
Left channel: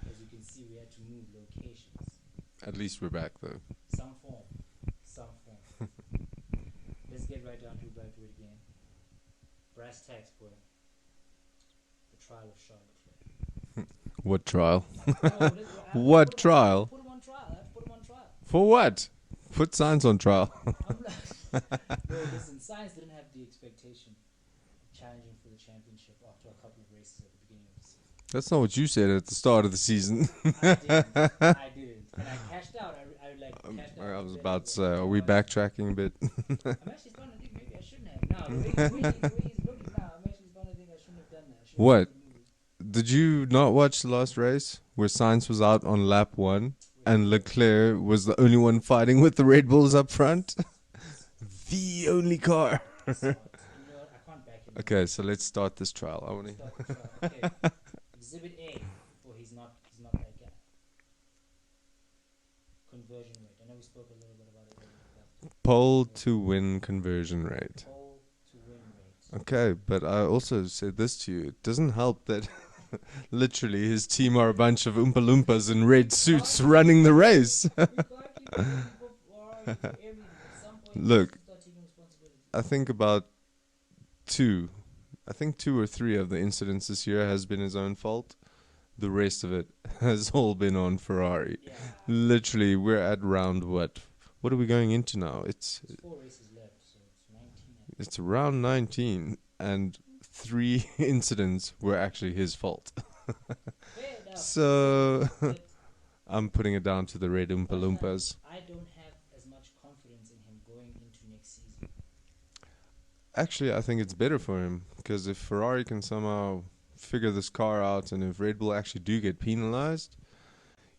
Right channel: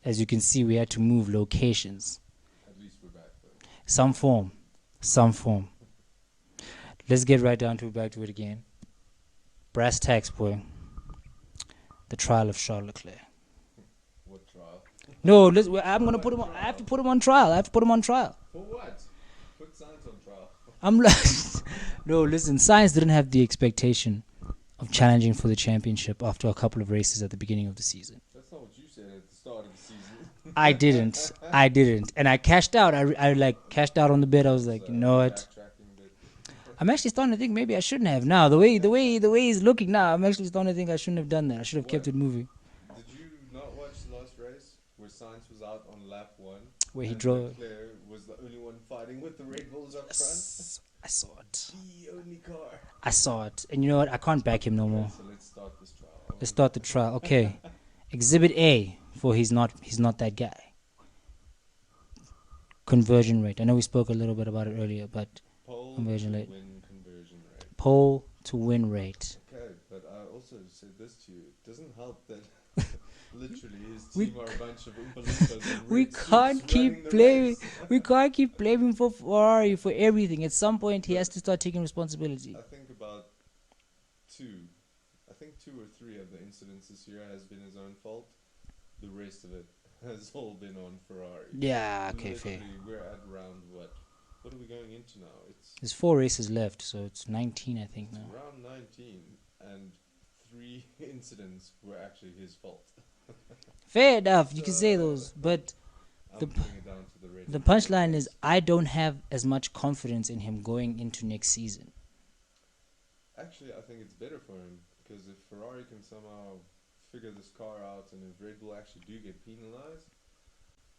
As you can see, we had to move locations. At least we're back though. Some form. Let's get right down to it, back to it again. Brass tacks, boy. The trial of Charles Leclerc. What trial? No, What trial? I have to put him on trial. For what? Put signs on trial. I'm like, no, listen, Science didn't have the expectation of challenging for the championship after a couple of races at the beginning of the season. That's not what you said at the start of the season. I didn't. And I cashed out. I cashed out on the bid. I was like, are no, we backtracking a bit? I'm actually starting to think maybe I shouldn't have. Now, the way he's looking now, I'm actually starting to think I shouldn't have done that. I should have What? kept it moving. Did you not watch the last race where Sainz was out on lap 1 Where he and drove. Leclerc was the only one fighting with the Red Bulls up front? I saw it. The only car. I saw it. And you know what? I can't back him no Okay, more. so let's start this trial. Let's start the trial. Okay. Exhibit A for he's not that guy. Conversion rate. I know we spoke a little bit about it earlier, but Pole conversion to rate. win conversion rate. Pole to win rate. Okay, but I also said this to you. It doesn't help that literally his team are a bunch of Oompa Loompas in red suits can't running keep the blaming- race. We can't keep blaming for Ferrari for everything. At some point, he Look, has to start taking responsibility. I think about two or three of the incidents this year has been his own fault. The rest of it has all been on Ferrari. Yeah. Okay, Literally, we're at round what? What are we going into now? There's 4 races left, so it's 19, I think. It's round 19, and 3 incidents were actually his fault. Fair enough. You can say So- those, but I'm putting it down to the red the Oompa punchline Loompas. is I don't have as much confidence in him going into next season. Actually, I think it's better for him because if Ferrari can somehow figure this car out, and if Red Bull actually do get penalized,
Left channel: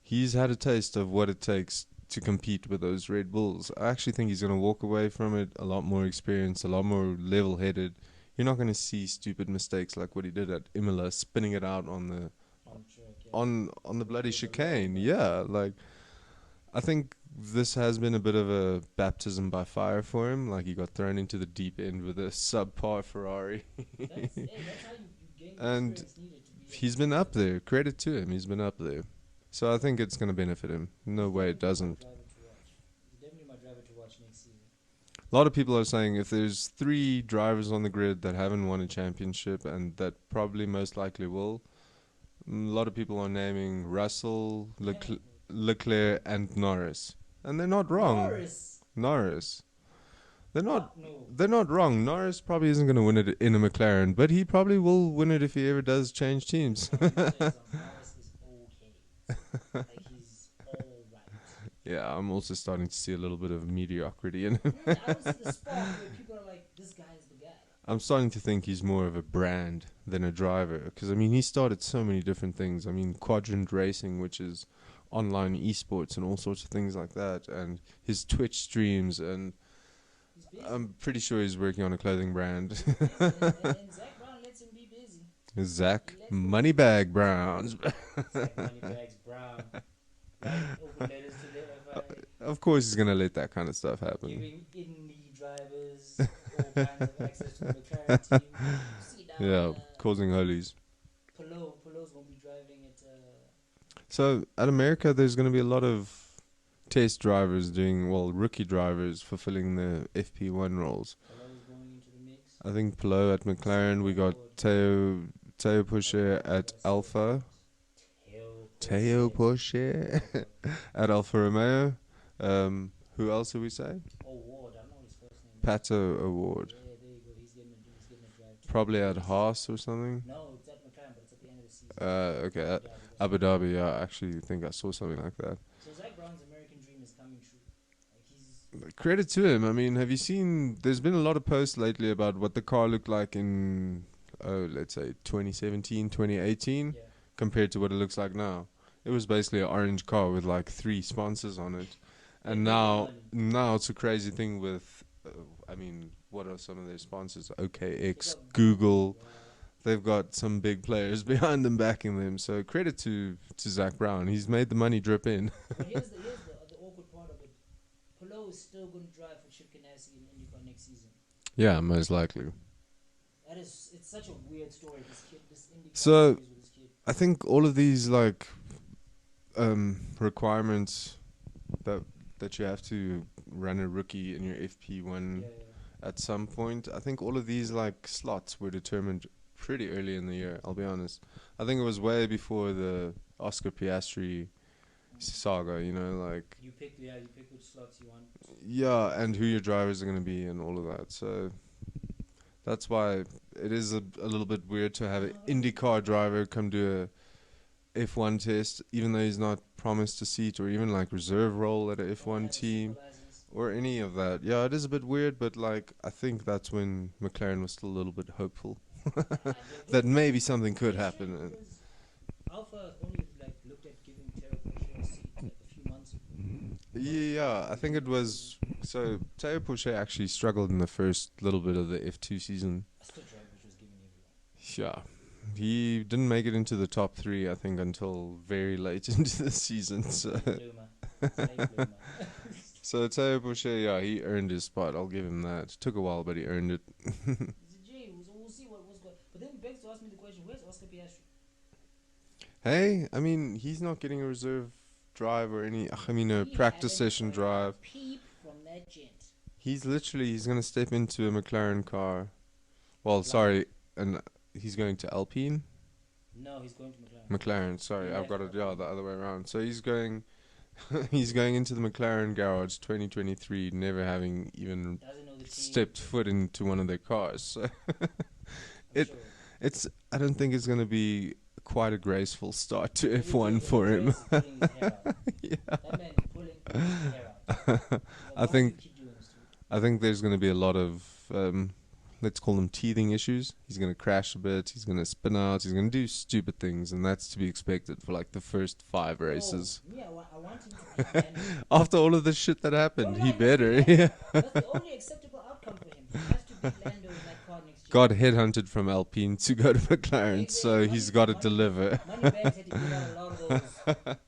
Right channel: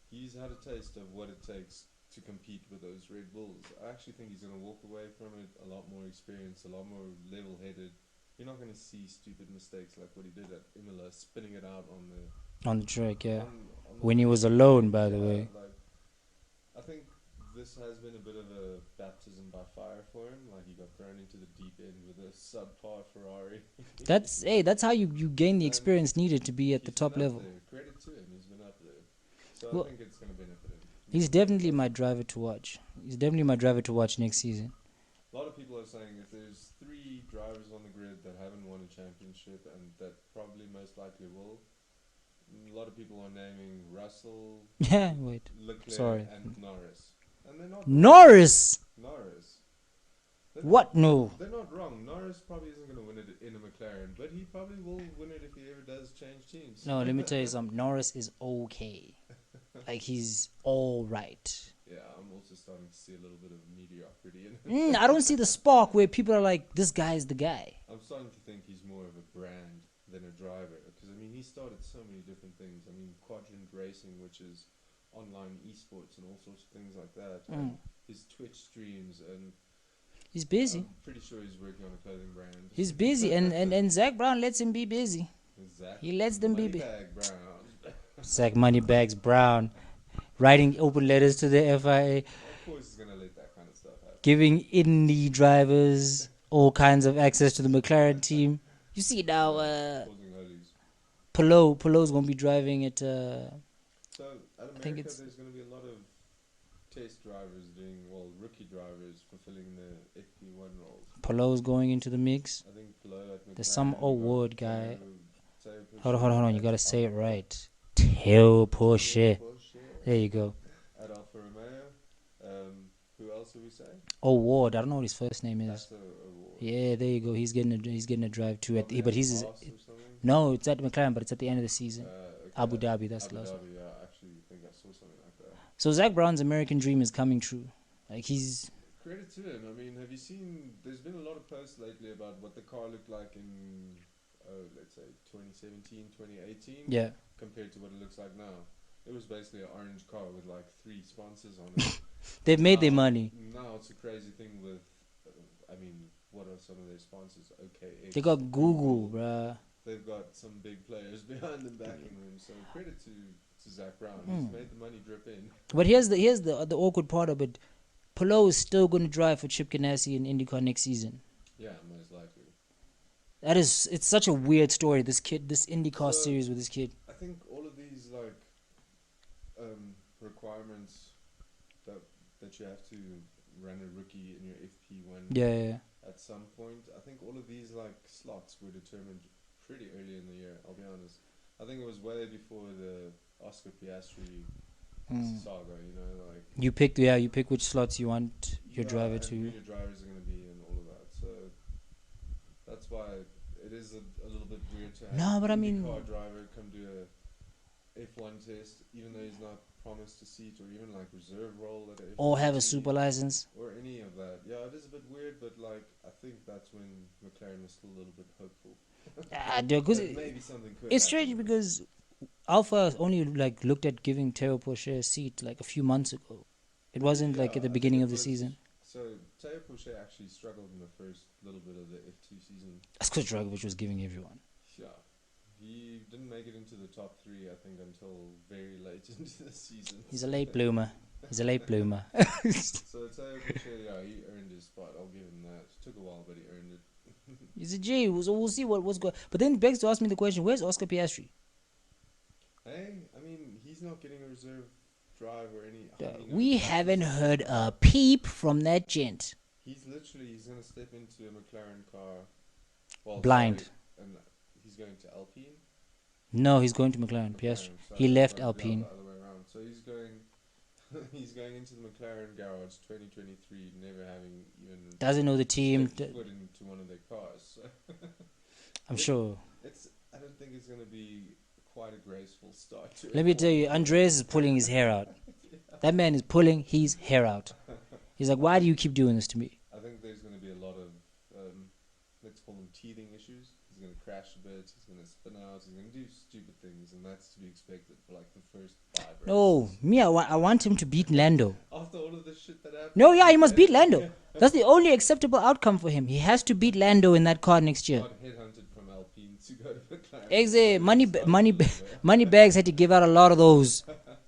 he's had a taste of what it takes to compete with those Red Bulls. I actually think he's going to walk away from it a lot more experienced, a lot more level-headed. You're not going to see stupid mistakes like what he did at Imola, spinning it out on the track, yeah. on the When he bloody was chicane. alone, by the yeah, way. like I think this has been a bit of a baptism by fire for him. Like he got thrown into the deep end with a subpar Ferrari. That's how you gain the And experience needed to be at the He's top been up level. there. Credit to him. He's been up there. So I Well, think it's going to benefit him. He's No way it definitely my doesn't. driver to watch. He's definitely my driver to watch next season. A lot of people are saying if there's 3 drivers on the grid that haven't won a championship and that probably most likely will, a lot of people are naming Russell, Yeah, wait. Leclerc, Sorry. and Norris. And they're not wrong. Norris. They're not, What? No. They're not wrong. Norris probably isn't going to win it in a McLaren, but he probably will win it if he ever does change teams. No, let me tell you something. Norris is okay. Like, he's all right. Yeah, I'm also starting to see a little bit of mediocrity in him. I don't see the spark where people are like, this guy's the guy. I'm starting to think he's more of a brand than a driver. Because, I mean, he started so many different things. I mean, Quadrant Racing, which is online esports and all sorts of things like that. And his Twitch streams. And He's busy. I'm pretty sure he's working on a clothing brand. He's busy. and Zach Brown lets him be busy. Zach He lets them be Moneybag Browns. Zach Moneybags Brown writing open letters to the FIA, Of course he's going to let that kind of stuff happen. giving Indy drivers all kinds of access to the McLaren team. You see now, causing holies. Polo's going to be driving at... So at America, it's- there's going to be a lot of test drivers rookie drivers fulfilling the FP1 roles. Polo's going into the mix. I think Polo at some McLaren, we got award guy. Teo Pusher Hold on, you at got to say Alpha. it right. Teo Porsche. Teo Pusher There you go. at Alfa Romeo. Who else did we say? Ward. I don't know what his first name is. Pato Award. Yeah, there you go. He's getting a drive too. Probably but at he's Haas or something. No, it's at McLaren, but it's at the end of the season. Okay. Abu Dhabi. That's Abu the last one. Dhabi, yeah. I actually think I saw something like that. So Zach Brown's American dream is coming true. Like he's Credit to him. I mean, have you seen? There's been a lot of posts lately about what the car looked like in, let's say 2017, 2018, yeah. compared to what it looks like now. It was basically an orange car with like 3 sponsors on it. They've And made their now- money. Now it's a crazy thing with, I mean, what are some of their sponsors? OKX, They got Google. bruh. They've got some big players behind them backing them. So credit to Zach Brown. He's made the money drip in. But here's the awkward part of it. Polo is still going to drive for Chip Ganassi in IndyCar next season. Yeah, most likely. It's such a weird story. This IndyCar So- series with this kid. I think all of these like requirements that you have to run a rookie in your FP1 Yeah. at some point. I think all of these like slots were determined pretty early in the year. I'll be honest. I think it was way before the Oscar Piastri saga. You know, like You pick which slots you want. your yeah, driver and to. who your drivers are going to be and all of that. So that's why it is a little bit weird to have No, but an I mean- IndyCar driver come do a F1 test, even though he's not promised a seat or even like reserve role at a F1 Or have team a super license. or any of that. Yeah, it is a bit weird, but like I think that's when McLaren was still a little bit hopeful. that maybe something could it's happen. strange because Alpha only like looked at giving Teo Porsche a seat like a few months ago. It wasn't like at the beginning of the season. So Teo Porsche actually struggled in the first little bit of the F2 season. That's because Dragovic was giving everyone. Yeah. He didn't make it into the top 3, I think, until very late into the season. He's a late bloomer. He's a late bloomer. So Teo Porsche, yeah, he earned his spot. I'll give him that. It took a while, but he earned it. He's a G. So we'll see what's going. But then it begs to ask me the question: where's Oscar Piastri? Hey, I mean, he's not getting a reserve drive or any. Yeah, I mean, a we practice haven't session heard drive. a peep from that gent. He's going to step into a McLaren car. Well, Blind. sorry, and he's going to Alpine. No, he's going to McLaren. McLaren, sorry, he I've left got it Alpine. the other way around. So he's going, he's going into the McLaren garage 2023, never having even Doesn't know the team. stepped foot into one of their cars. So I'm sure. I don't think it's going to be quite a graceful start to Let me F1 tell you, for Andreas him. is pulling his hair out. That man is pulling his hair out. He's like, why do you keep doing this to me? I think there's going to be a lot of, let's call them teething issues. He's going to crash a bit. He's going to spin out. He's going to do stupid things, and that's to be expected for like the first 5 races. No, me, I want him to beat Lando. After all of the shit that happened. No, yeah, he must beat better. Lando. That's the only acceptable outcome for him. He has to beat Lando in that car next year. Got headhunted from Alpine to go to McLaren. Exactly. So he's got to deliver. Moneybags had to give out a lot of those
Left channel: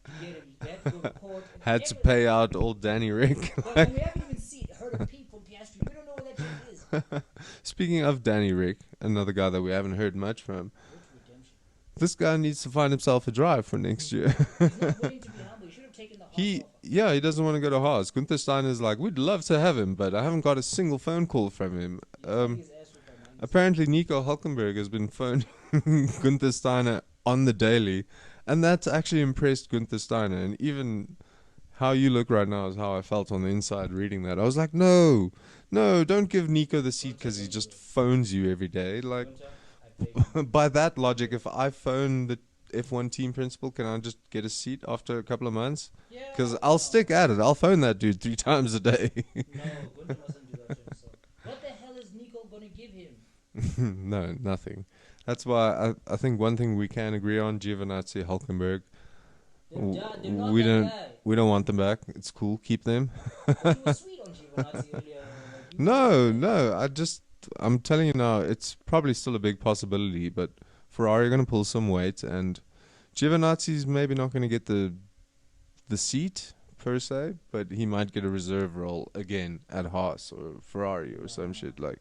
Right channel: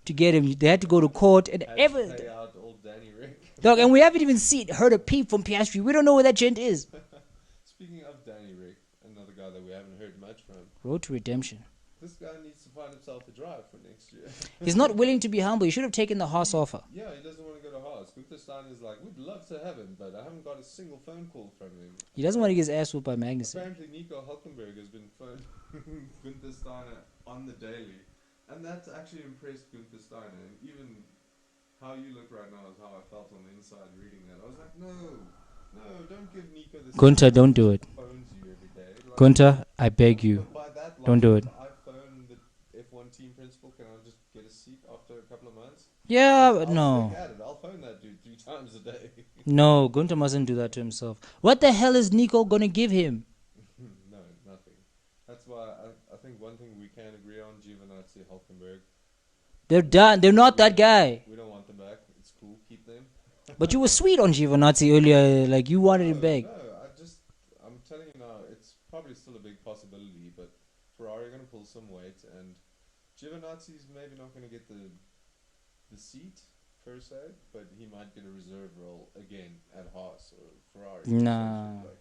to get him. They had to go to court and Had to pay out old Danny Rick. Dog, and we haven't even heard a peep from Piastri. We don't know where that gent is. Speaking of Danny Rick, another guy that we haven't heard much from. Road to redemption. This guy needs to find himself a drive for next year. He's not willing to be humble. He should have taken the Haas offer. Yeah, he doesn't want to go to Haas. Gunther Steiner's like, we'd love to have him, but I haven't got a single phone call from him. He doesn't want to get his ass whooped by Magnus. Apparently, Nico Hulkenberg has been phoning Gunther Steiner on the daily, and that's actually impressed Gunther Steiner. And even how you look right now is how I felt on the inside reading that. I was like, no, don't give Nico the Gunther, don't do it. Phones you every day. Like, Gunther, I beg you. by that logic, do if I phone the F1 team principal, can I just get a seat after a couple of months? Yeah, I'll stick at it. I'll phone that dude 3 times a day. No, Gunther mustn't do that to himself. What the hell is Nico gonna give him? No, nothing. That's why I think one thing we can agree on, Giovinazzi, Hulkenberg. They're done. They're not we that don't- guy. We don't want them back. It's cool. Keep them. But you were sweet on Giovinazzi earlier. Like you wanted it back. No. I'm telling you now, it's probably still a big possibility, but Ferrari are going to pull some weight, and Giovinazzi's maybe not going to get the seat per se, but he might get a reserve role again at Haas or Ferrari or some shit like.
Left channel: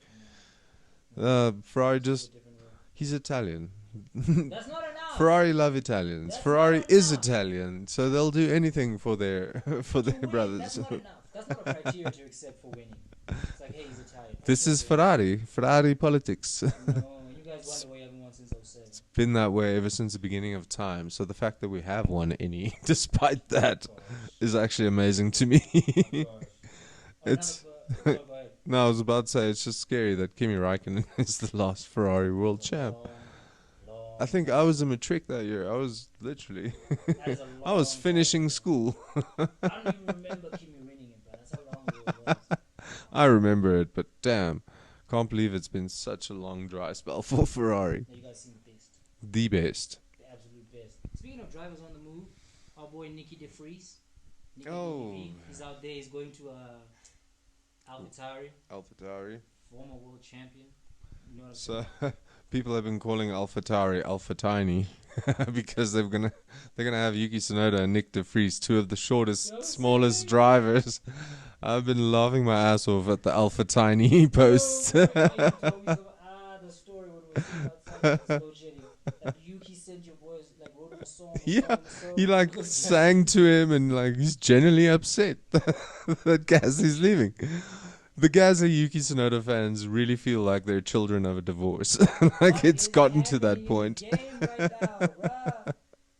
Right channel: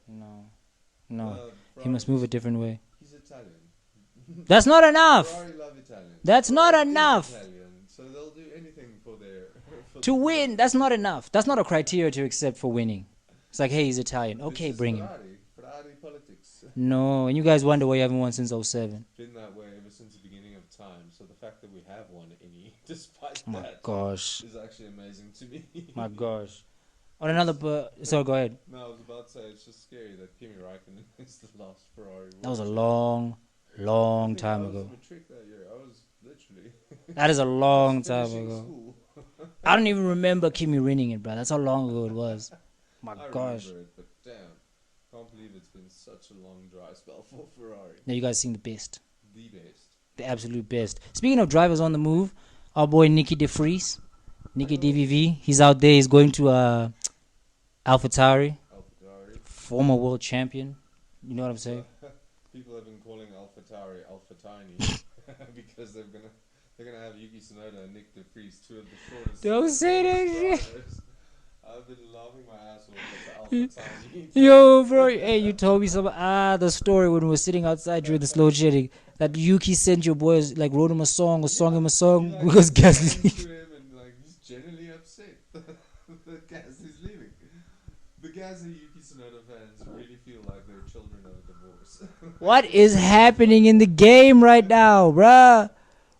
No. Ferrari Must move a just different way. he's Italian. That's not enough. Ferrari love Italians. That's Ferrari not enough. Is Italian, so they'll do anything for their for To their win, brothers. that's not enough. That's not a criteria to accept for winning. It's like, hey, he's Italian. Okay, This is bring him. Ferrari politics. No, and you guys wonder why you haven't won since 07. Been that way ever since the beginning of time. So the fact that we have won any, despite that, Gosh. is actually amazing to me. My gosh. On another, sorry, go ahead. No, I was about to say it's just scary that Kimi Raikkonen is the last Ferrari That world was a champ. long I think time I was ago. a matric that year. I was literally. That is a I long was finishing time ago. school. I don't even remember Kimi winning it, bro. That's how long ago it was. My I remember gosh. it, but damn, can't believe it's been such a long dry spell for Ferrari. Now you guys seen the best. The best. The absolute best. Speaking of drivers on the move, our boy Nicky De Vries, Nicky DVV, he's out there. He's going to AlphaTauri, AlphaTauri. former world champion. You know what I'm saying? So, people have been calling AlphaTauri Alpha Tiny because they're gonna have Yuki Tsunoda and Nick De Vries, 2 of the shortest, Don't smallest say. drivers. I've been laughing my ass off at the Alpha Tiny Yo, posts. bro, hey, you told me the story when we were sitting outside during the slow shedding that Yuki sent your boys, like, wrote him a song or sung him a song. He like because Gasly- sang to him and like he's genuinely upset that Gasly's leaving. The Gasly Yuki Tsunoda fans really feel like they're children of a divorce. Like, What it's is gotten to happening that in the point. game right now, bruh?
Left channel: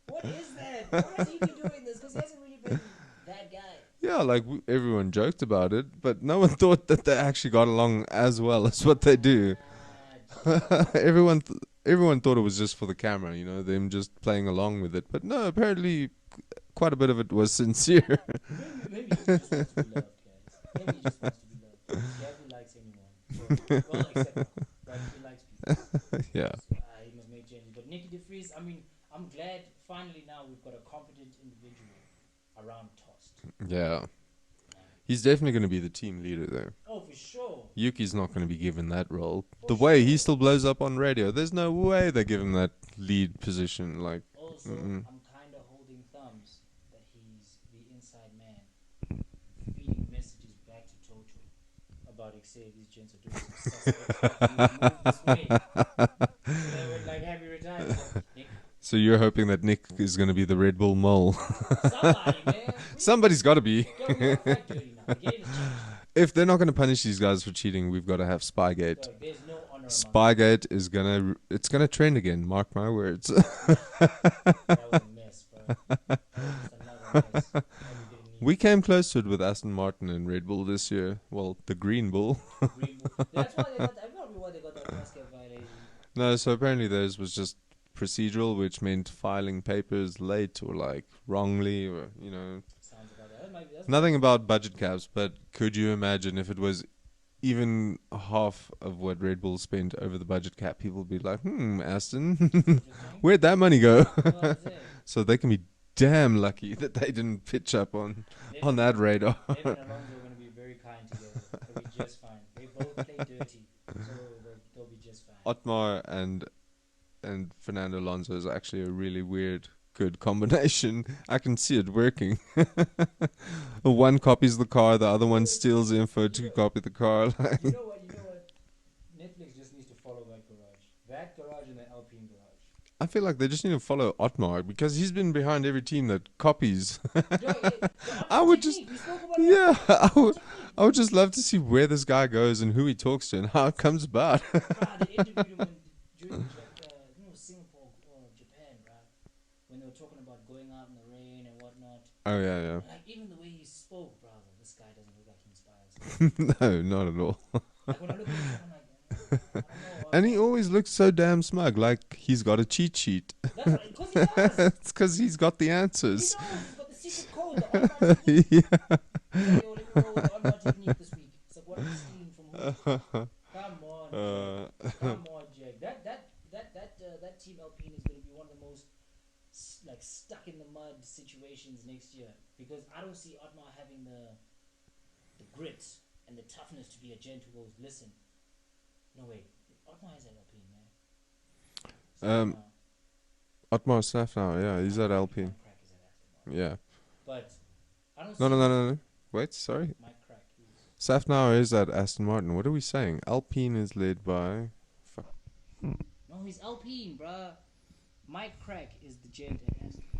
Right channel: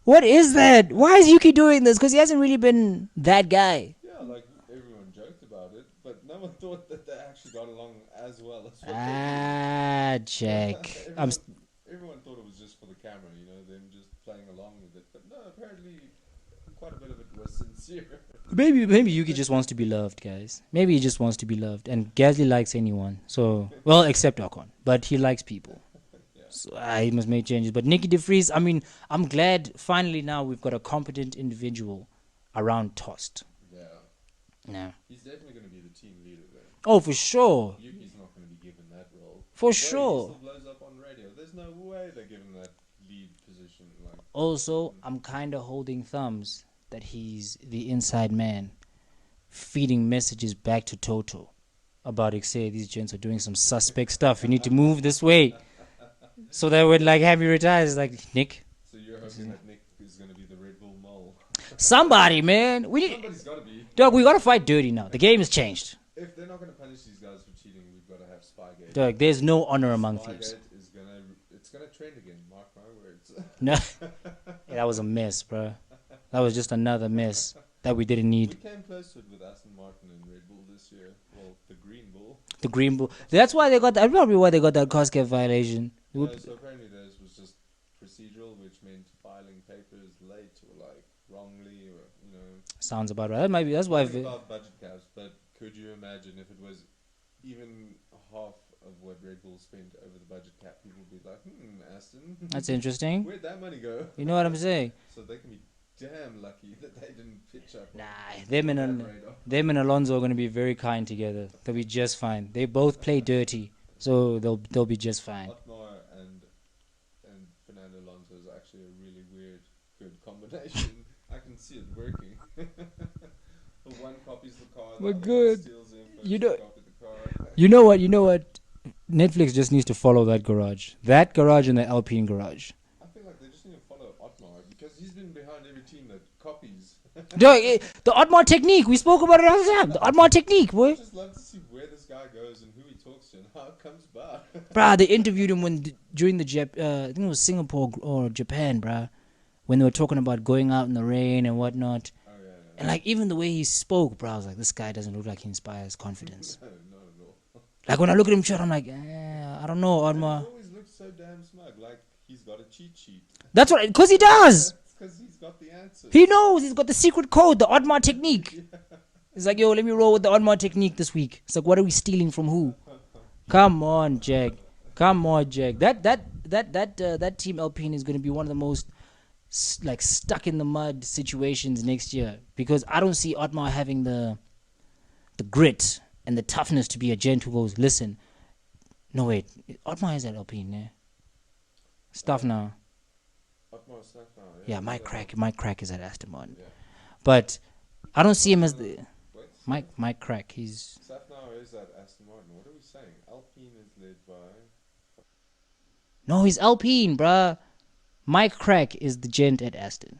What is that? Why is Yuki doing this? Because he hasn't really been that guy. Yeah, like everyone joked about it, but no one thought that they actually got along as well as what they do. Ah, Jack. Everyone thought it was just for the camera, them just playing along with it. But no, apparently quite a bit of it was sincere. Maybe Yuki just wants to be loved, guys. Maybe he just wants to be loved. And Gasly likes anyone. So, well, except Ocon. But he likes people. Yeah. So he must make changes. But Nicky De Vries, I mean, I'm glad finally now we've got a competent individual around Tost. Yeah. Yeah. He's definitely going to be the team leader, though. Oh, for sure. Yuki's not going to be given that role. For the way he sure. still blows up on radio, there's no way they give him that lead position. Like, Also, I'm kind of holding thumbs that he's the inside man feeding messages back to Toto about, say, these gents are doing some suspect stuff. You need to move this way. So that would like have me retire. It's like, Nick. so you're hoping that Nick is going to be the Red Bull mole? Somebody, man. Somebody's got to be. Dog, we got to fight dirty now. The game has changed. If they're not going to punish these guys for cheating, we've got to have Spygate. Dog, there's no honor among them. Spygate is it's gonna trend again. Mark my words. That was a mess, bro. That was just another mess that we didn't need. We came close to it with Aston Martin and Red Bull this year. Well, the Green Bull. The Green Bull. That's why they got that. Probably why they got that COSCAP violation. No, so apparently theirs was just procedural, which meant filing papers late or like wrongly, or Sounds about right. That might be. That's nothing why about budget caps. But could you imagine if it was even half of what Red Bull spent over the budget cap? People would be like, Aston, That's interesting. where'd that money go? You know what I'm saying? So they can be damn lucky that they didn't pitch up on that radar. Them and Alonso are going to be very kind together. They'll be just fine. They both play dirty, so they'll be just fine. Otmar and Fernando Alonso is actually a really weird, good combination. I can see it working. One copies the car, the other one steals info to copy the car. You know what? Netflix just needs to follow that garage. That garage and the Alpine garage. I feel like they just need to follow Otmar because he's been behind every team that copies. The Otmar technique. We spoke about it all the time. The Otmar technique. I would just love to see where this guy goes and who he talks to and how it comes about. Bruh, they interviewed him during the I think it was Singapore or Japan, bruh, when they were talking about going out in the rain and whatnot. Oh, yeah. And like even the way he spoke, bruh, I was like, this guy doesn't look like he inspires confidence. No, not at all. Like when I look at him, I'm like, I don't know. And he always looks so damn smug, like he's got a cheat sheet. That's what, because he does. It's because he's got the answers. He knows. He's got the secret code, the Otmar technique. Yeah. He's like, yo, let me roll with the Otmar technique this week. It's like, what are we stealing from who? Come on, Jack. Come on, Jack. That team Alpine is going to be one of the most like stuck in the mud situations next year because I don't see Otmar having the grit and the toughness to be a gent who goes, listen, no wait, Otmar is at Alpine, yeah? Stuff now. Otmar stuff now, yeah. He's at Alpine. Mike Crack is at Aston Martin. Yeah. But I don't see him as... Wait, sorry. Mike Crack, he's... Safnauer is at Aston Martin. What are we saying? Alpine is led by... No, he's Alpine, bruh. Mike Crack is the gent at Aston.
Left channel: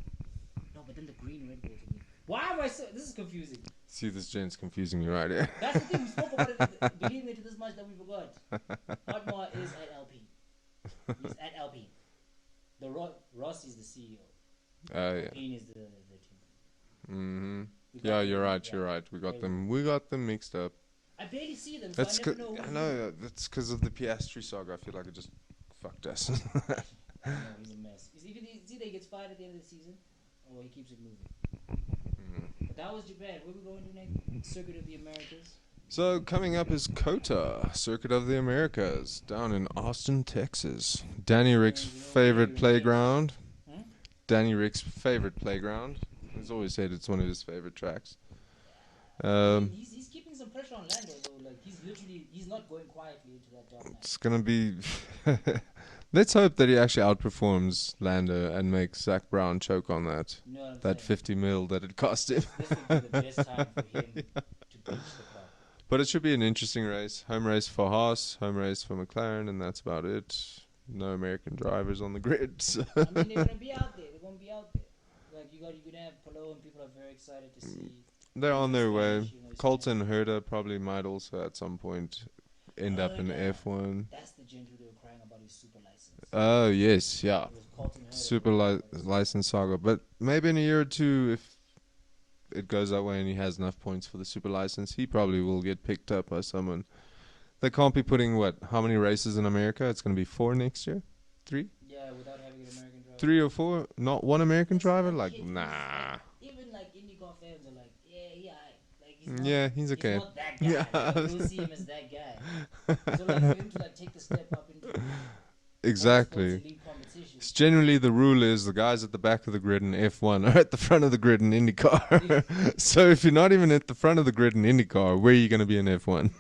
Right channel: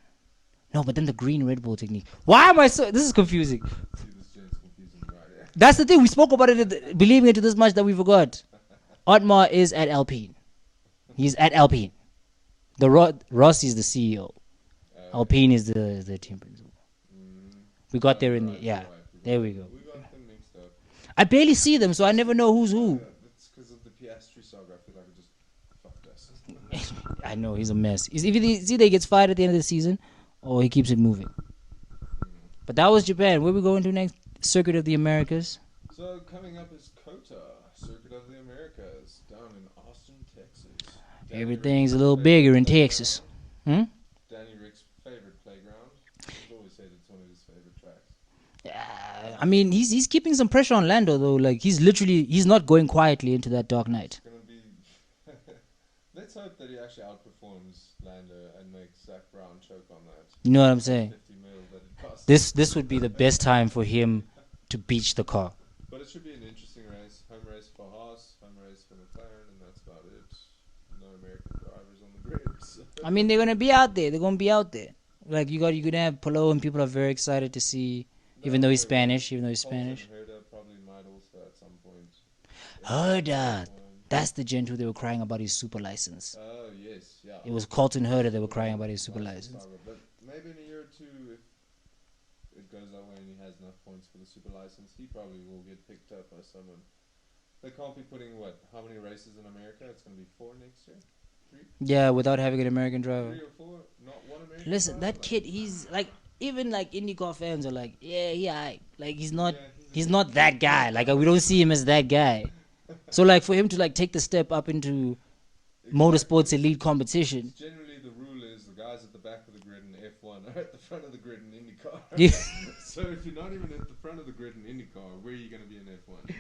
No, but then the green Red Bull technique. Why am I so... This is confusing. See, this gent's confusing me right here. That's the thing. We spoke about it, believing it to this much that we forgot. Otmar is at Alpine. He's at Alpine. Rossi is the CEO. Alpine is the team principal. Mm-hmm. We got there. You're right. We got them mixed up. I barely see them, so I never know who's who. That's because of the Piastri saga. I feel like it just fucked us. I know, he's a mess. It's either he gets fired at the end of the season, or he keeps it moving. But that was Japan. Where we going to next? Circuit of the Americas. So coming up is COTA, Circuit of the Americas, down in Austin, Texas. Danny Rick's a little bigger in Texas. Danny Rick's favorite playground. He's always said it's one of his favorite tracks. I mean, he's keeping some pressure on Lando though. Like he's not going quietly into that dark night. It's gonna be. Let's hope that he actually outperforms Lando and makes Zach Brown choke on that. You know what I'm saying? 50 mil that it cost. This would be the best time for him to beach the car. But it should be an interesting race. Home race for Haas, home race for McLaren, and that's about it. No American drivers on the grid. So. I mean, they're gonna be out there. They're gonna be out there. Like you're gonna have Polo, and people are very excited to see. Even though he's Spanish, Colton Herta probably might also at some point. Herta. That's the gent who they were crying about his super license. Oh yes, yeah. It was Colton Herta that were crying about his super license saga. But maybe in a year or two, if it goes that way and he has enough points for the super license, he probably will get picked up by someone. They can't be putting how many races in America? It's going to be 4 next year. Three? Yeah, without having an American driver. 3 or 4? Not one American Listen, driver? that Like, kid, nah. he's like, even like IndyCar fans are like, yeah, like he's not, Yeah, he's okay. he's not that guy. Like we don't see him as that guy. So like for him to like take the step up into motorsports elite competition. It's generally the rule is the guys at the back of the grid in F1 are at the front of the grid in IndyCar. So if you're not even at the front of the grid in IndyCar, where are you going to be in F1?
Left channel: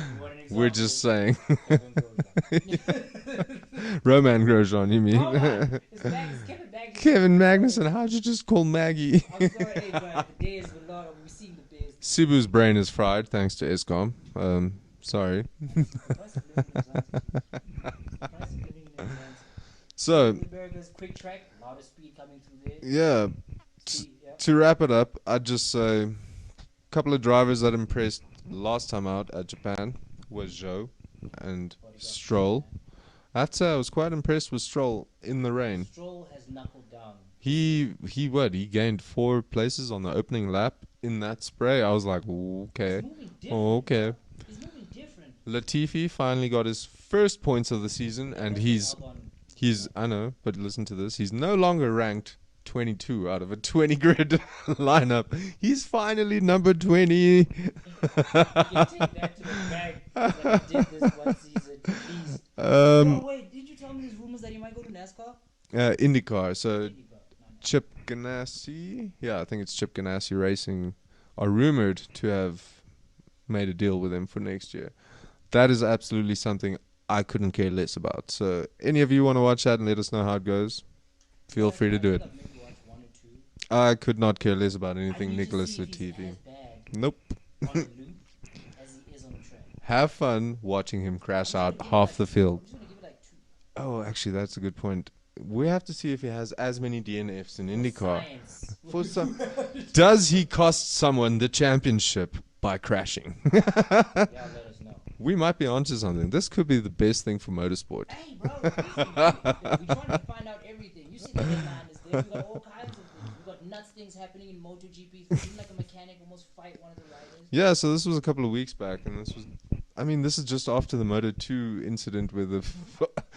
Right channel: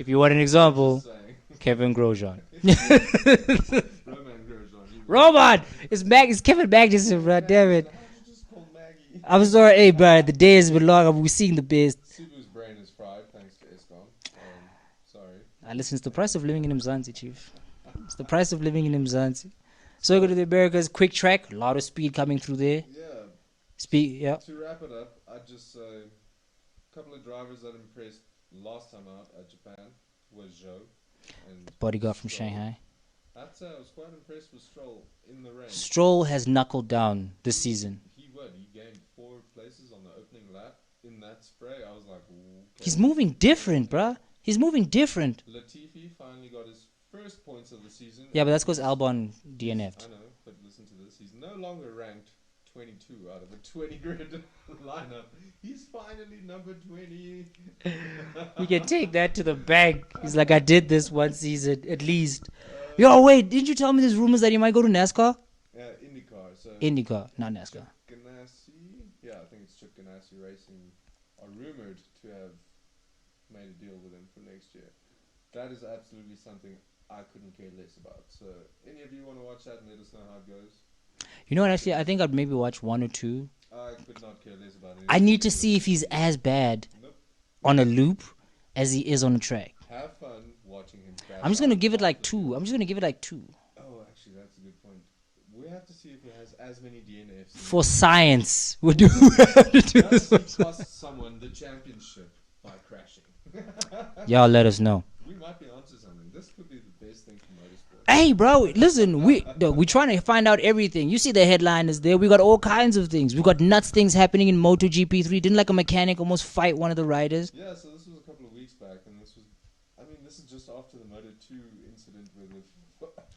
If you want an example, We're just saying. Kevin Grosjean. Roman Grosjean, you mean? Roman! It's Kevin Magnussen. Kevin Damn it. Magnussen, how'd you just call Maggie? I'm sorry, hey, bro. The day has been long. We've seen the best. Sibu's brain is fried thanks to ESCOM. Sorry. Listen, it's the price of living in Mzansi, Chief. It's the price of living in Mzansi. So the America's quick track, a lot of speed coming through there. Yeah. Speed, yeah. To wrap it up, I'd just say a couple of drivers that impressed last time out at Japan was Zhou and Bodyguard Stroll. from Shanghai. I was quite impressed with Stroll in the rain. Stroll has knuckled down this season. He gained 4 places on the opening lap in that spray. I was like, okay. He's moving different, okay. bro. He's moving different. Latifi finally got his first points of the season. Yeah, but that's because Albon DNF'd. I know, but listen to this. He's no longer ranked 22 out of a 20 grid lineup. He's finally number 20. You can take that to the bank. It's like I did this one season at least. Yo, wait, didn't you tell me there's rumors that he might go to NASCAR? IndyCar. So IndyCar, not NASCAR. Chip Ganassi, I think it's Chip Ganassi Racing, are rumored to have made a deal with him for next year. That is absolutely something I couldn't care less about. So any of you want to watch that and let us know how it goes? You know what, actually, I think I'd maybe watch 1 or 2. I could not care less about anything. I need to see if he's as bad on a loop as he is on a track. Have fun watching him crash. I'm just gonna give it like 2. Field. I'm just gonna give it like 2. Oh, actually, that's a good point. We have to see if he has as many DNFs. For science. Does he cost someone the championship by crashing? Y'all let us know. We might be onto something. This could be the best thing for motorsport. Hey, bro, listen, we're trying to find out everything. You see the headline is there. We got all kinds of things. We got nuts things happening in MotoGP 3. Didn't like a mechanic almost fight one of the riders? Yeah, so this was a couple of weeks back, and this is just after the Moto2 incident where the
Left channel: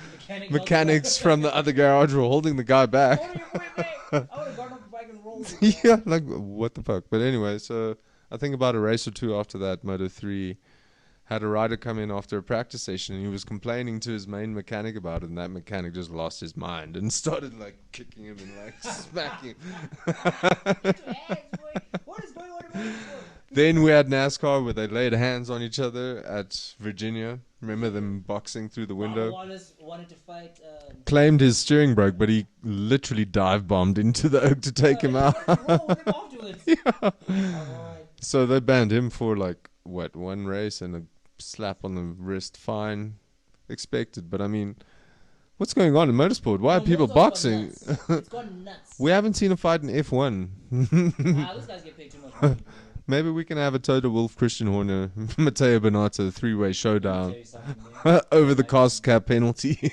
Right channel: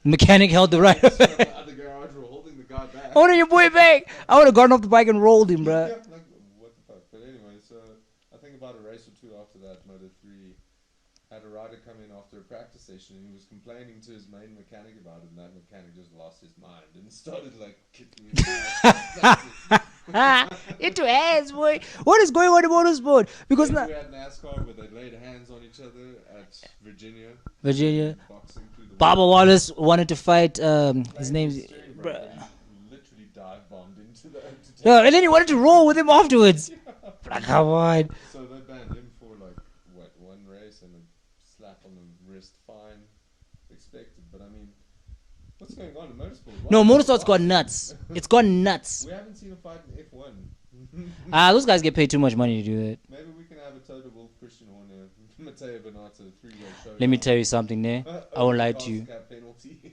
mechanic held the rider from the other garage were holding the guy back. Holding your boy back. I would have gone off the bike and rolled him, bro. Yeah, like, what the fuck? But anyway, so I think about a race or 2 after that, Moto3 had a rider come in after a practice session, and he was complaining to his main mechanic about it, and that mechanic just lost his mind and started like kicking him into hands, boy. What is going on in motorsport? Because then we had NASCAR where they laid hands on each other at Virginia. Remember them boxing through the window? Baba Wallace wanted to fight. Claimed his steering broke, but he literally dive bombed into the oak to take him and then he out. wanted to roll with him afterwards. Like, come on. So they banned him for like one race and a slap on the wrist, fine, expected. But I mean, what's going on in motorsport? Why are people motorsport's boxing? gone nuts. It's gone nuts. We haven't seen a fight in F1. Those guys get paid too much money to do that. Maybe we can have a Toto Wolff, Christian Horner, Matteo Bernardo 3-way showdown. Let me tell you something there. Over the cost cap penalty.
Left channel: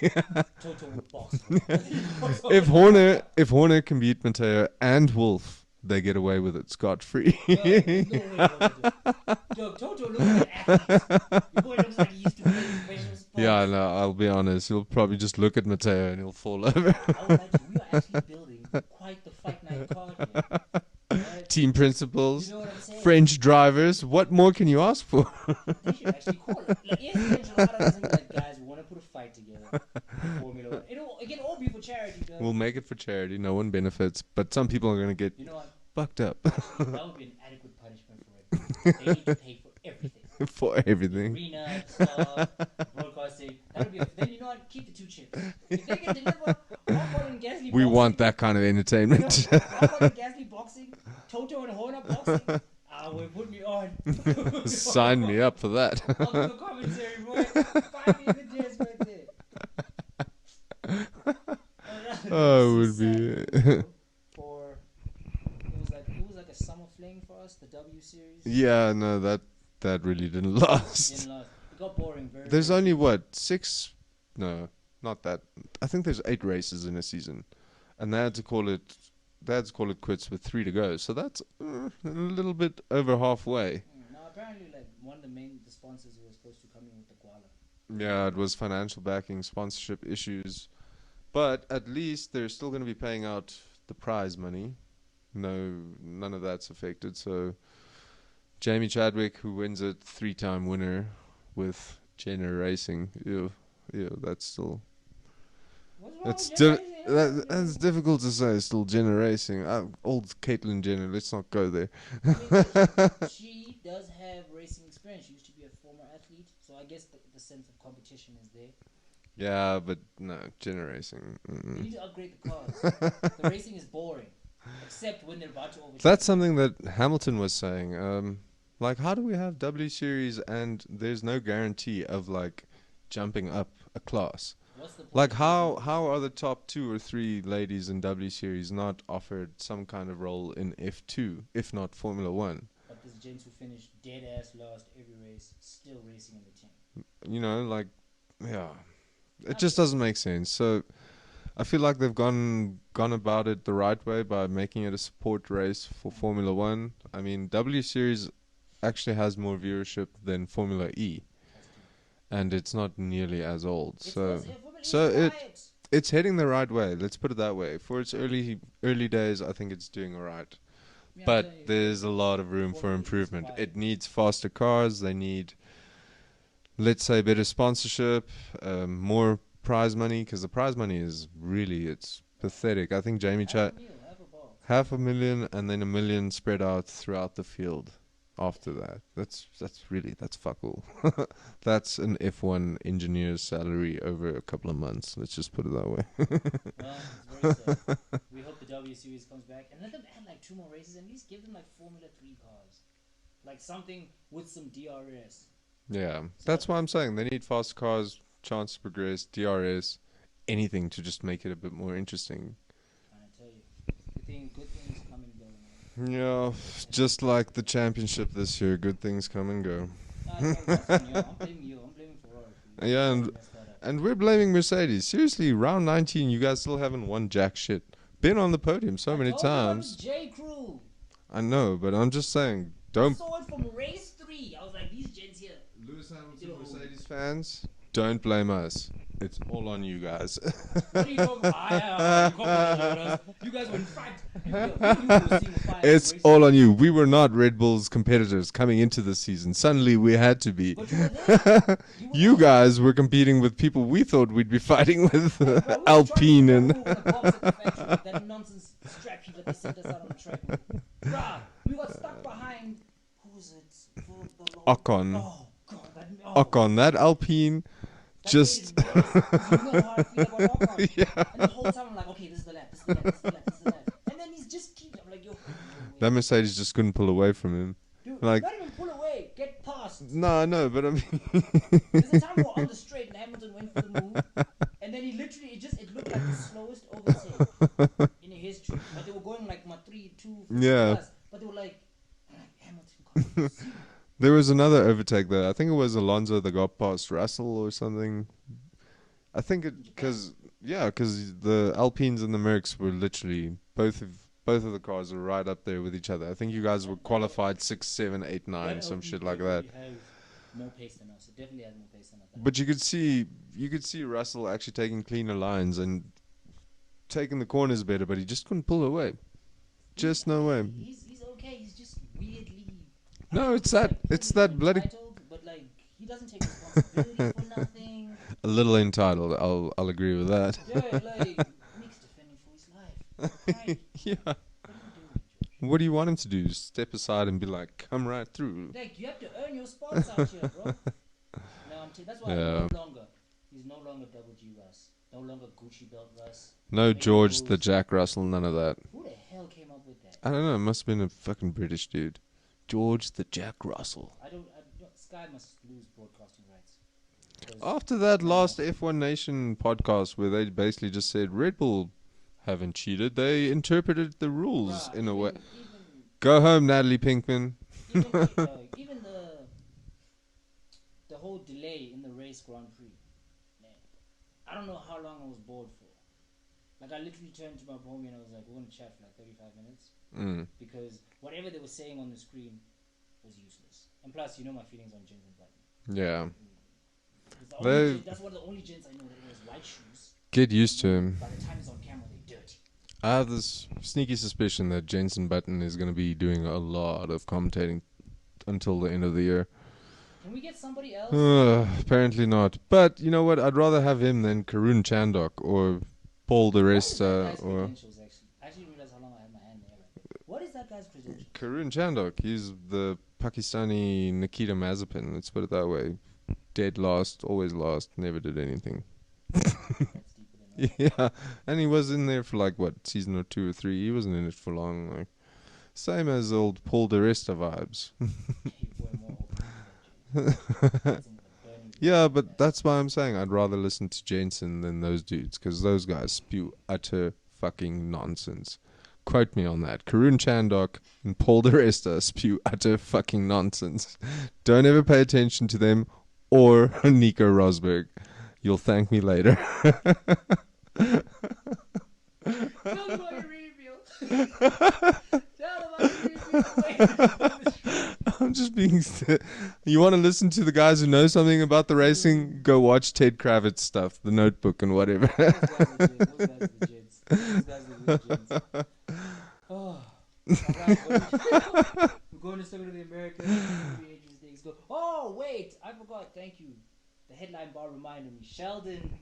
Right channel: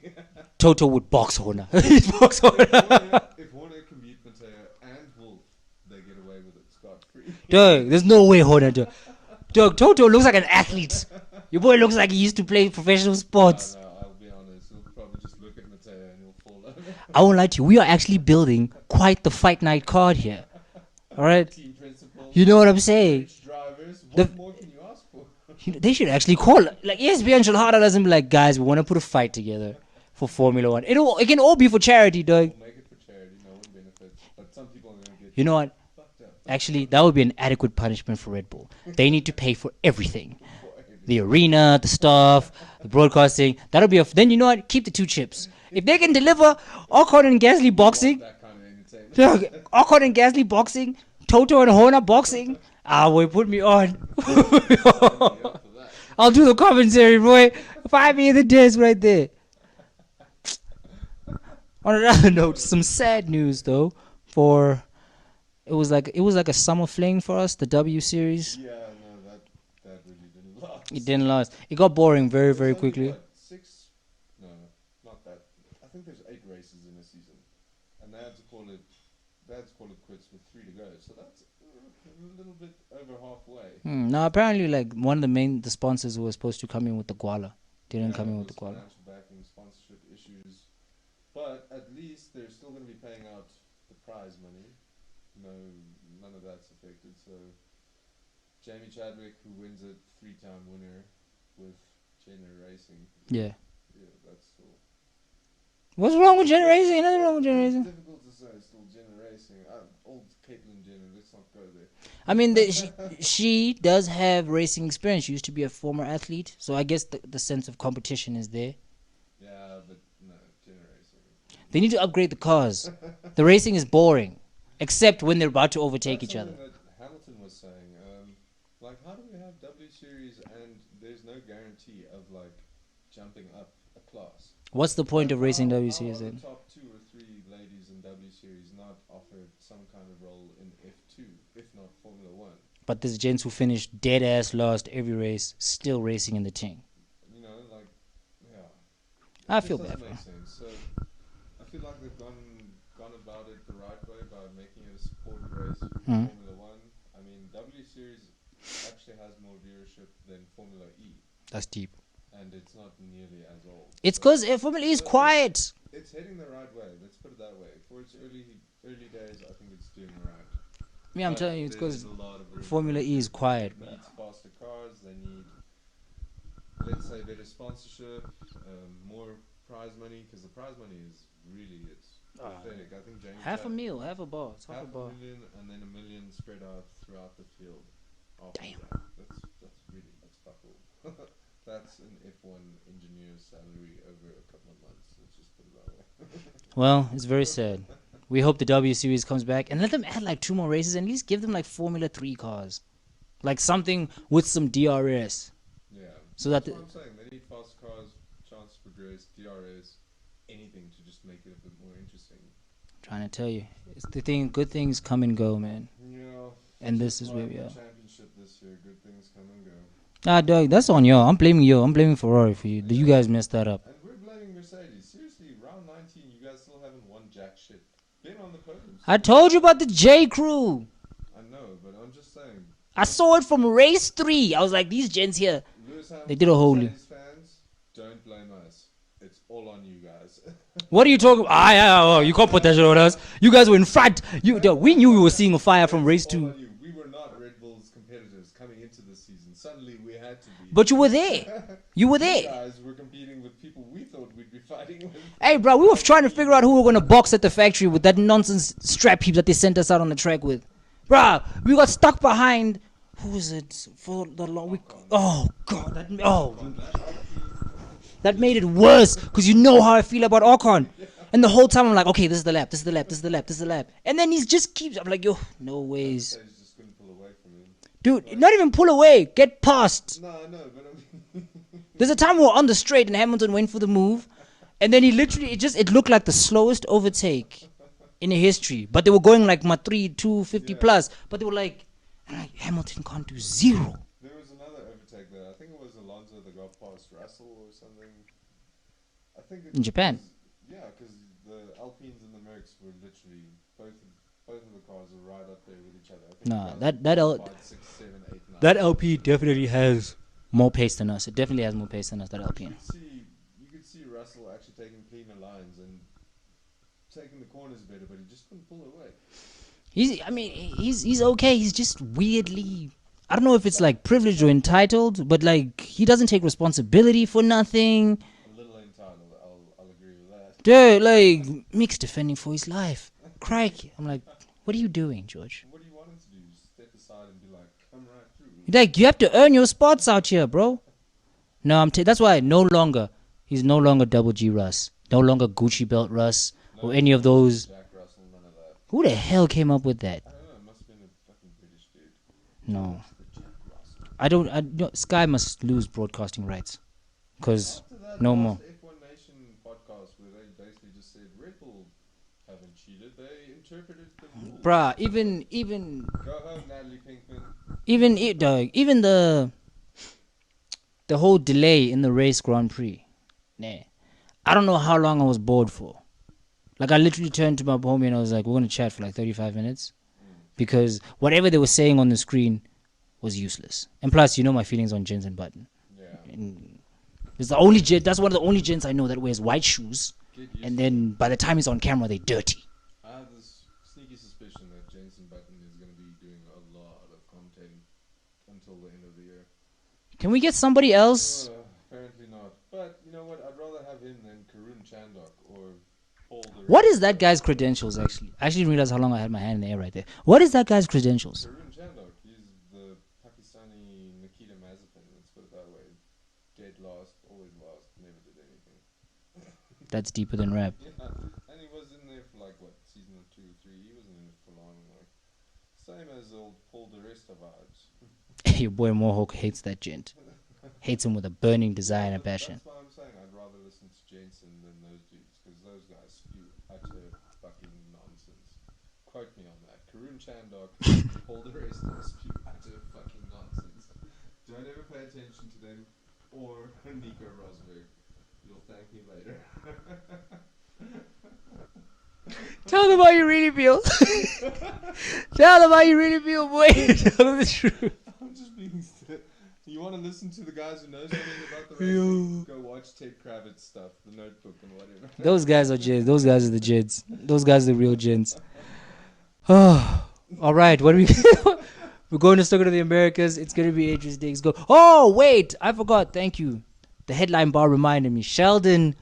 Toto would box Horner. If Horner can beat Matteo and Wolff, they get away with it scot-free. Dog, there's no way Horner do. Dog, Toto looks like an athlete. Your boy looks like he used to play professional sports. Yeah, no, I'll be honest. He'll probably just look at Matteo and he'll fall over. I won't lie to you. We are actually building quite the fight night card here. All right? Team principals. You know what I'm saying? French drivers. What more can you ask for? They should actually call it. Like, ESPN should harder doesn't be like, guys, we want to put a fight together for Formula One. It can all be for charity, dog. We'll make it for charity. No one benefits. But some people are going to get... You know what? Fucked up. Actually, that would be an adequate punishment for Red Bull. They need to pay for everything. For everything. The arena, the staff, the broadcasting. That'll be then you know what? Keep the 2 chips. If they can deliver Ocon and Gasly boxing. We want that kind of entertainment. Ocon and Gasly boxing. Toto and Horner boxing. Boy, put me on. Sign me up for that. I'll do the commentary, boy. 5 me in the desk right there. On another note, some sad news though for. It was like a summer fling for us, the W series. Yeah, no, that really didn't last. It didn't last. It got boring very quickly. There's only what 6? No, not that. I think there's 8 races in a season, and they had to call it quits with 3 to go. So that's a little bit over halfway. Now apparently, like one of the sponsors was supposed to come in with the Guala. Yeah, it was financial backing, sponsorship issues. But at least they're still going to be paying out the prize money. No, none of that's affected. So Jamie Chadwick, who wins it, 3-time winner with Jenner Racing. Yeah. Yeah, that's still. What's wrong with It's Jenner Racing? Nothing wrong with Jenner That's Racing. difficult to say. Still Jenner Racing. Old Caitlyn Jenner. Let's not go there. I mean, she does have racing experience. She used to be a former athlete, so I guess the sense of competition is there. Yeah, but no, Jenner Racing. They need to upgrade the cars. The racing is boring, except when they're about to overtake That's each something other. that Hamilton was saying. Like, how do we have W Series and there's no guarantee of like jumping up a class? What's the point Like, of racing how W how Series are the then? top 2 or 3 ladies in W Series not offered some kind of role in F2, if not Formula One? But there's gents who finished dead ass last every race, still racing in the team. You know, like, yeah, I it just feel doesn't bad. make sense. So I feel like they've gone about it the right way by making it a support race for Mm. Formula One. I mean, W Series actually has more viewership than Formula E, That's deep. and it's not nearly as old. It's So because Formula E is quiet. it's heading the right way. Let's put it that way. For its early days, I think it's doing all right. Yeah, I'm But telling you, it's there's 'cause a lot of room Formula for E is improvement. quiet, It needs faster cars. They need, let's say, better sponsorship, more prize money, because the prize money is really, it's pathetic. I think Jamie half a Chat mil, half a bar. half a million and then $1 million spread out throughout the field. After that, that's fuck all. That's an F1 engineer's salary over a couple of months. Let's just put it that way. Well, it's very sad. We hope the W Series comes back and let them add like 2 more races and at least give them like Formula 3 cars. Like something with some DRS. Yeah, So that's that- why I'm saying they need fast cars, chance to progress, DRS, anything to just make it a bit more interesting. Trying to tell you. It's the thing, good things come and go, man. Yeah, And just this is like the- the yeah. championship this year, good things come and go. Ah, dog, that's on you. I'm blaming you. I'm blaming Ferrari for you. Yeah, You guys messed that up. And we're blaming Mercedes. Seriously, round 19, you guys still haven't won jack shit. Been on the podium so I many told you about the times. J Crew. I know, but I'm just saying. I saw it from race 3. I was like, these gents here, they did a whole. Mercedes fans, don't blame us. It's all on you guys. What are you talking about? You can't put that shit on us. You guys were in front. We knew we were seeing a fire from race It's all 2. on you. We were not Red Bull's competitors coming into the season. Suddenly we had to be. But you were there. You were You there. guys were competing with people we thought we'd be fighting with. Hey, bro, we were trying to Alpine figure out and- who we were going to box at the factory with that nonsense strap heap that they sent us out on the track with. Bro, we got stuck behind. Who was it? For the long. Ocon. Oh, God. Ocon, that Alpine. That just- made it worse because you know how I feel about Ocon. And the whole time I'm like, okay, this is the lap, this is the lap, this is the lap, this is the lap. And then he just keeps, I'm like, yo, no way. That Mercedes just couldn't pull away from him. Dude, like- not even pull away, get past. No, I know, but I mean, There's a time we were on the straight and Hamilton went for the move. And then he literally, it looked like the slowest overtake in history. But they were going like 250 Yeah. plus. But they were like, Hamilton can't do 0. there was another overtake there. I think it was Alonso that got past Russell or something. I think it In Japan? Yeah, because the Alpines and the Mercs were literally both of the cars were right up there with each other. I think you Nah, guys that- were that L- qualified 6, 7, 8, 9. That or some LP shit like definitely that. has more pace than us. It definitely has more pace than us. That But LP. you could see Russell actually taking cleaner lines and taking the corners better, but he just couldn't pull away. Just no way. He's okay. He's just weirdly. I don't No, know if it's it's that- like it's privileged that or bloody- entitled, but like he doesn't take responsibility for nothing. A little entitled, I'll agree with that. Dude, like Mick's defending for his life. Crikey. I'm like, what are you doing, George? What do you want him to do? Step aside and be like, come right through. Like you have to earn your spots out here, bro. No, that's why Yeah. he's no longer Double G Russ, no longer Gucci Belt Russ. No or any George of the those. Jack Russell, none of that. Who the hell came up with that? I don't know. It must have been a fucking British dude. George the Jack Russell. Sky must lose broadcasting rights. Because After that no last more. F1 Nation podcast where they basically just said Red Bull haven't cheated, they interpreted the rules. bruh, in a way. even Go home, Natalie Pinkman. even even the whole delay in the race Grand Prix. Nah. I don't know how long I was bored for. Like I literally turned to my homie and I was like, we're gonna chat for like 35 minutes. Because whatever they were saying on the screen was useless. And plus, you know my feelings on Jensen Button. Yeah. It's the only They- that's one of the only gents I know that wears white shoes Get used And to then him. by the time he's on camera, they're dirty. I have this sneaky suspicion that Jensen Button is going to be doing a lot of commentating until the end of the year. Can we get somebody else? Apparently not. But you know what? I'd rather have him than Karun Chandok or Paul the Rest. What is that guy's credentials, actually? I actually didn't realize how long I had my hand in the air right there. What is that guy's credentials? Karun Chandok. He's the Pakistani Nikita Mazepin. Let's put it that way. Dead last, always last, never did anything. That's deeper than rap. Yeah, and he was in there for like what, season or 2 or 3. He wasn't in it for long. Like same as old Paul de Resta vibes. Your boy Mohawk hates that gent. Hates him with a burning desire. Yeah, and a but passion. that's why I'm saying I'd rather listen to Jensen than those dudes, because those guys spew utter fucking nonsense. Quote me on that. Karun Chandok and Paul de Resta spew utter fucking nonsense. Don't ever pay attention to them or Nico Rosberg. You'll thank me later. Tell them how you really feel. Tell them how you really feel, boy. Tell them the truth. I'm just being... You want to listen to the guys who know something about the racing? Go watch Ted Kravitz stuff, The Notebook and whatever. Those guys are gents. Those guys are the gents. Those guys are the real gents. Oh, all right. What are we? We're going to Circuit of the Americas. It's going to be interesting. Let's go. Oh, wait. I forgot. Thank you. The headline bar reminded me. Sheldon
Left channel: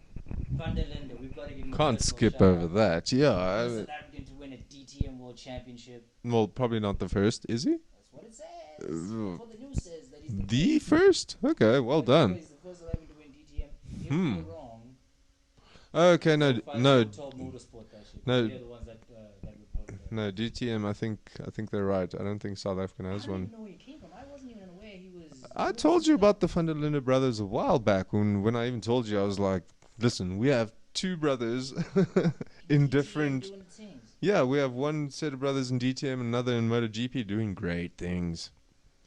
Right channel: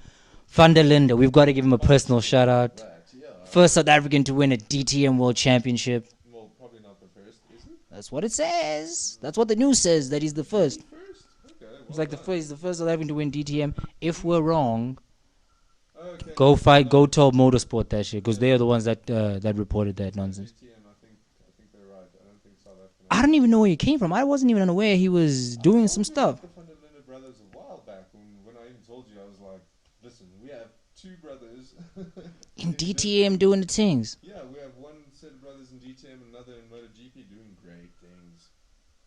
van der Linde. We've got to give him a personal shout out. That, yeah. First South African to win a DTM World Championship. Well, probably not the first, is he? That's what it says. That's what the news says, that he's the first. The first? Okay, well done. He's the first South African to win DTM. If we're wrong, okay, go fight, no, go tell Motorsport that shit, because No. they're the ones that reported that. No, nonsense. DTM, I think they're right. I don't think South African I don't even know where he came from. I wasn't even unaware he was doing I some told you stuff. about the Van der Linde brothers a while back when I even told you. I was like, listen, we have 2 brothers in DTM different- doing the things. Yeah, we have one set of brothers in DTM and another in MotoGP doing great things.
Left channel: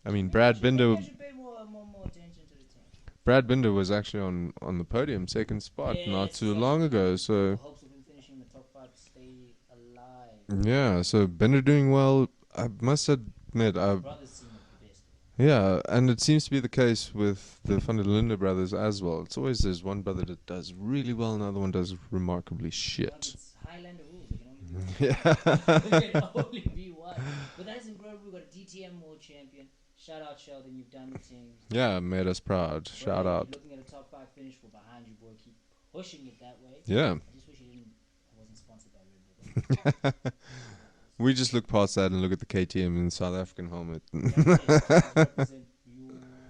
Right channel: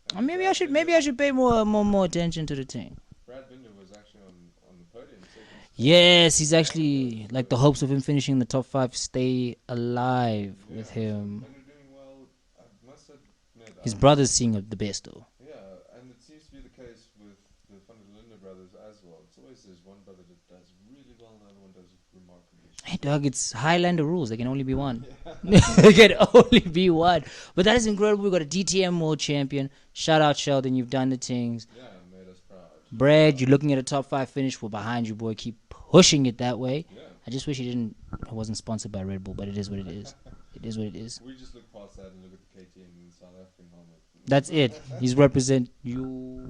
I mean, Maybe Brad I should Binder, pay more attention to the thing. Brad Binder was actually on the podium, second spot. Yes, not he's too long actually ago, so like the hopes of him finishing in the top 5 stay alive. yeah, with so him. Binder doing well. I must admit, His brother's seeing the best though. yeah, and it seems to be the case with the Van der Linde brothers as well. It's always there's one brother that does really well, and the other one does remarkably shit. Dog, it's Highlander rules. There can only be one. Yeah. There can only be one. But that is incredible. We've got a DTM world champion. Shout out Sheldon, you've done the things. Yeah, made us proud. Shout Brad, out. you're looking at a top 5 finish. We're behind you, boy. Keep pushing it that way. Yeah. I just wish I wasn't sponsored by Red Bull, but it is what it is. It is what it is. We just look past that and look at the KTM in South African helmet. That's it. He's represent you.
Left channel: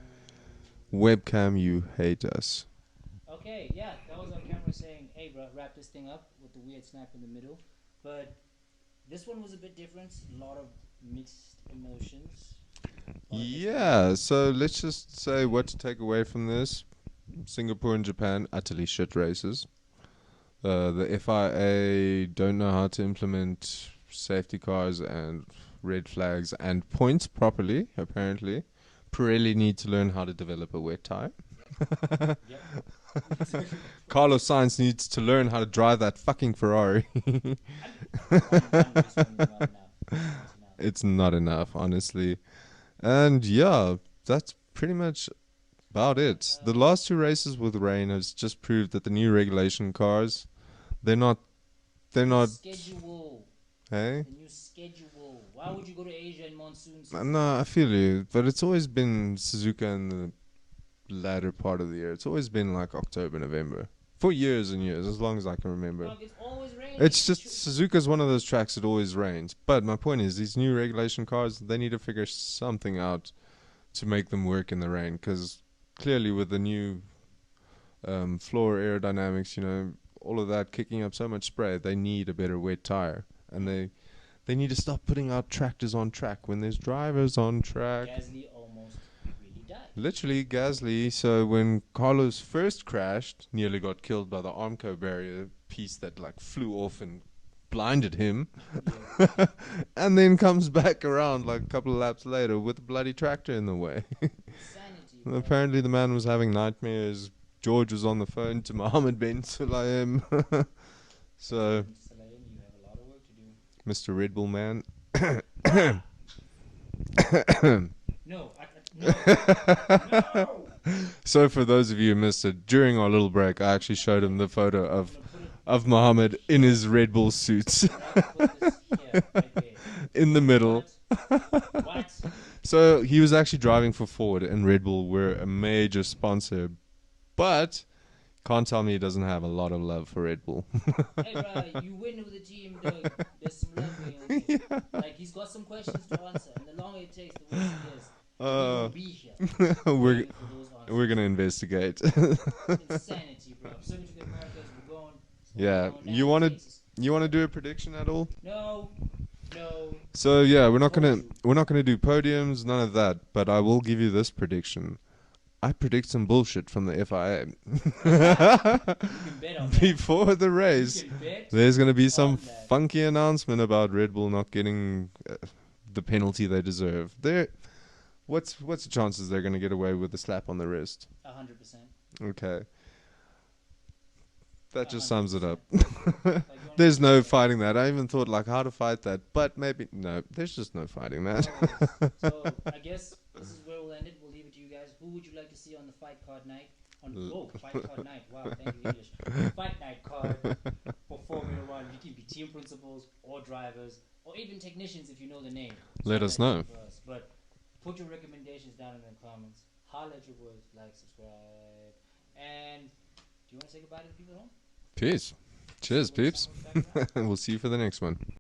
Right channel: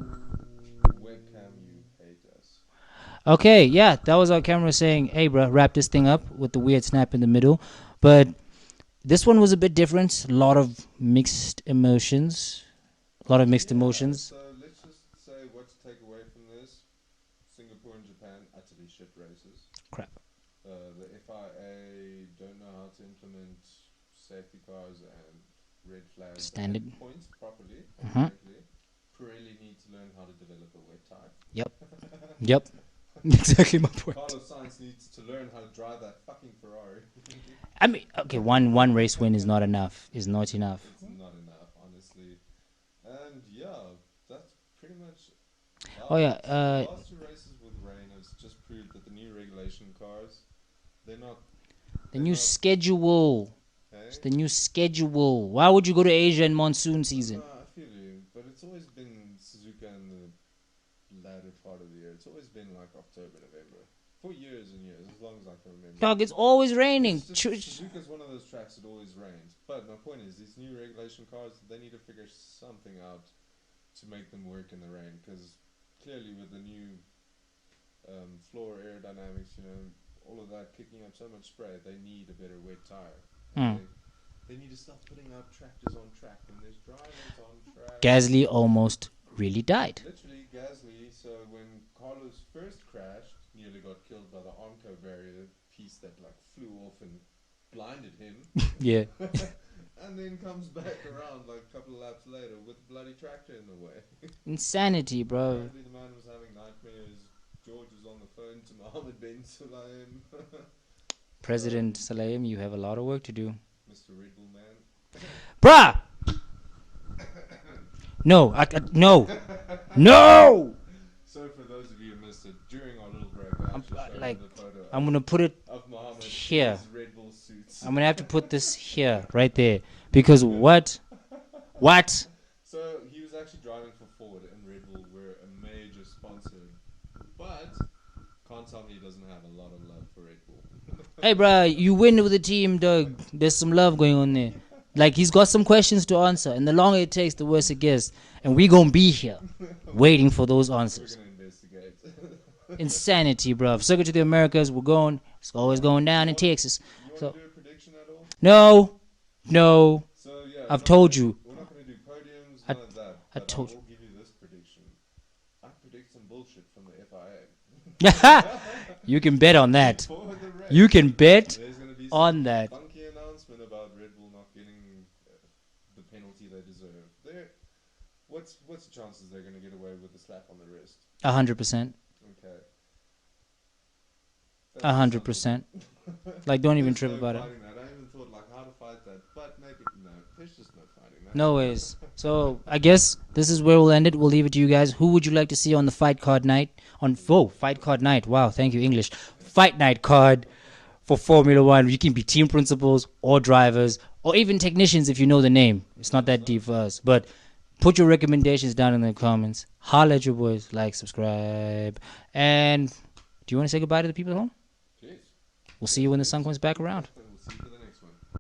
Webcam, you hate us. Okay, yeah, that was our camera saying, hey, bro, wrap this thing up with the weird snap in the middle. But this one was a bit different. A lot of mixed emotions. Emotions. So let's just say what to take away from this. Singapore and Japan, utterly shit races. Crap. The FIA don't know how to implement safety cars and red flags Standard. and points properly, apparently. Pirelli need to learn how to develop a wet tire. Yep. Exactly my point. Carlos Sainz needs to learn how to drive that fucking Ferrari. I mean, okay, one race win is not enough. It's not enough. It's not enough, honestly. And yeah, that's pretty much about yeah, it. The last 2 races with rain has just proved that the new regulation cars, they're not schedule. Hey? It's the new schedule. Why would you go to Asia in monsoon season? No, I feel you. But it's always been Suzuka in the latter part of the year. It's always been like October, November. For years and years, as long as I can remember. Dog, it's always raining. It's just Suzuka's one of those tracks that always rains. But my point is, these new regulation cars, they need to figure something out to make them work in the rain. Because clearly with the new floor aerodynamics, all of that kicking up so much spray, they need a better wet tire. And they need to stop putting out tractors on track when there's drivers on track. Gasly almost really died. Literally, Gasly. So when Carlos first crashed, nearly got killed by the Armco barrier piece that like flew off and blinded him. Yeah. And then comes back around like a couple of laps later with a bloody tractor in the way. Insanity, bro. Apparently the man was having nightmares. George was on the phone to Mohammed bin Sulayem. President Salayem, you have a lot of work to do. Mr. Red Bull man. Bruh! No, no, no. So for those of you who missed it, during our little break, I actually showed him the photo I'm gonna put it. of Muhammad in here. his Red Bull suits. I'm gonna have to put this here, right there, because middle. what? So he was actually driving for Ford, and Red Bull were a major sponsor, but can't tell me he doesn't have a lot of love for Red Bull. Hey, bro, you win with the team, dog. There's some love going on there. Like, he's got some questions to answer, and the longer it takes, the worse it gets. And we gonna be here, waiting for those answers. We're gonna investigate. Insanity, bro. Circuit to the Americas, we're going. It's always going down in Texas. You want to do a prediction at all? No. So yeah, I've told you. We're not gonna do podiums, none of that. But I will give you this prediction. I predict some bullshit from the FIA. You can bet on that. Before the race. You can bet. There's going to be some that. funky announcement about Red Bull not getting the penalty they deserve. What's the chances they're going to get away with a slap on the wrist? 100%. Okay. That just sums it up. Like, don't There's even no about fighting that. I even thought like how to fight that, but maybe no. There's just no fighting that. No ways. So I guess this is where we'll end it. We'll leave it to you guys. Who would you like to see on the fight card night? Fight card night. Wow, thank you, English. Fight night card for Formula One. You can be team principals or drivers or even technicians if you know the name. It's Let not us that know. deep for us. But put your recommendations down in the comments. Holla at your boys. Like, subscribe. And do you want to say goodbye to the people at home? Peace. We'll see you when the sun comes back around. We'll see you for the next one.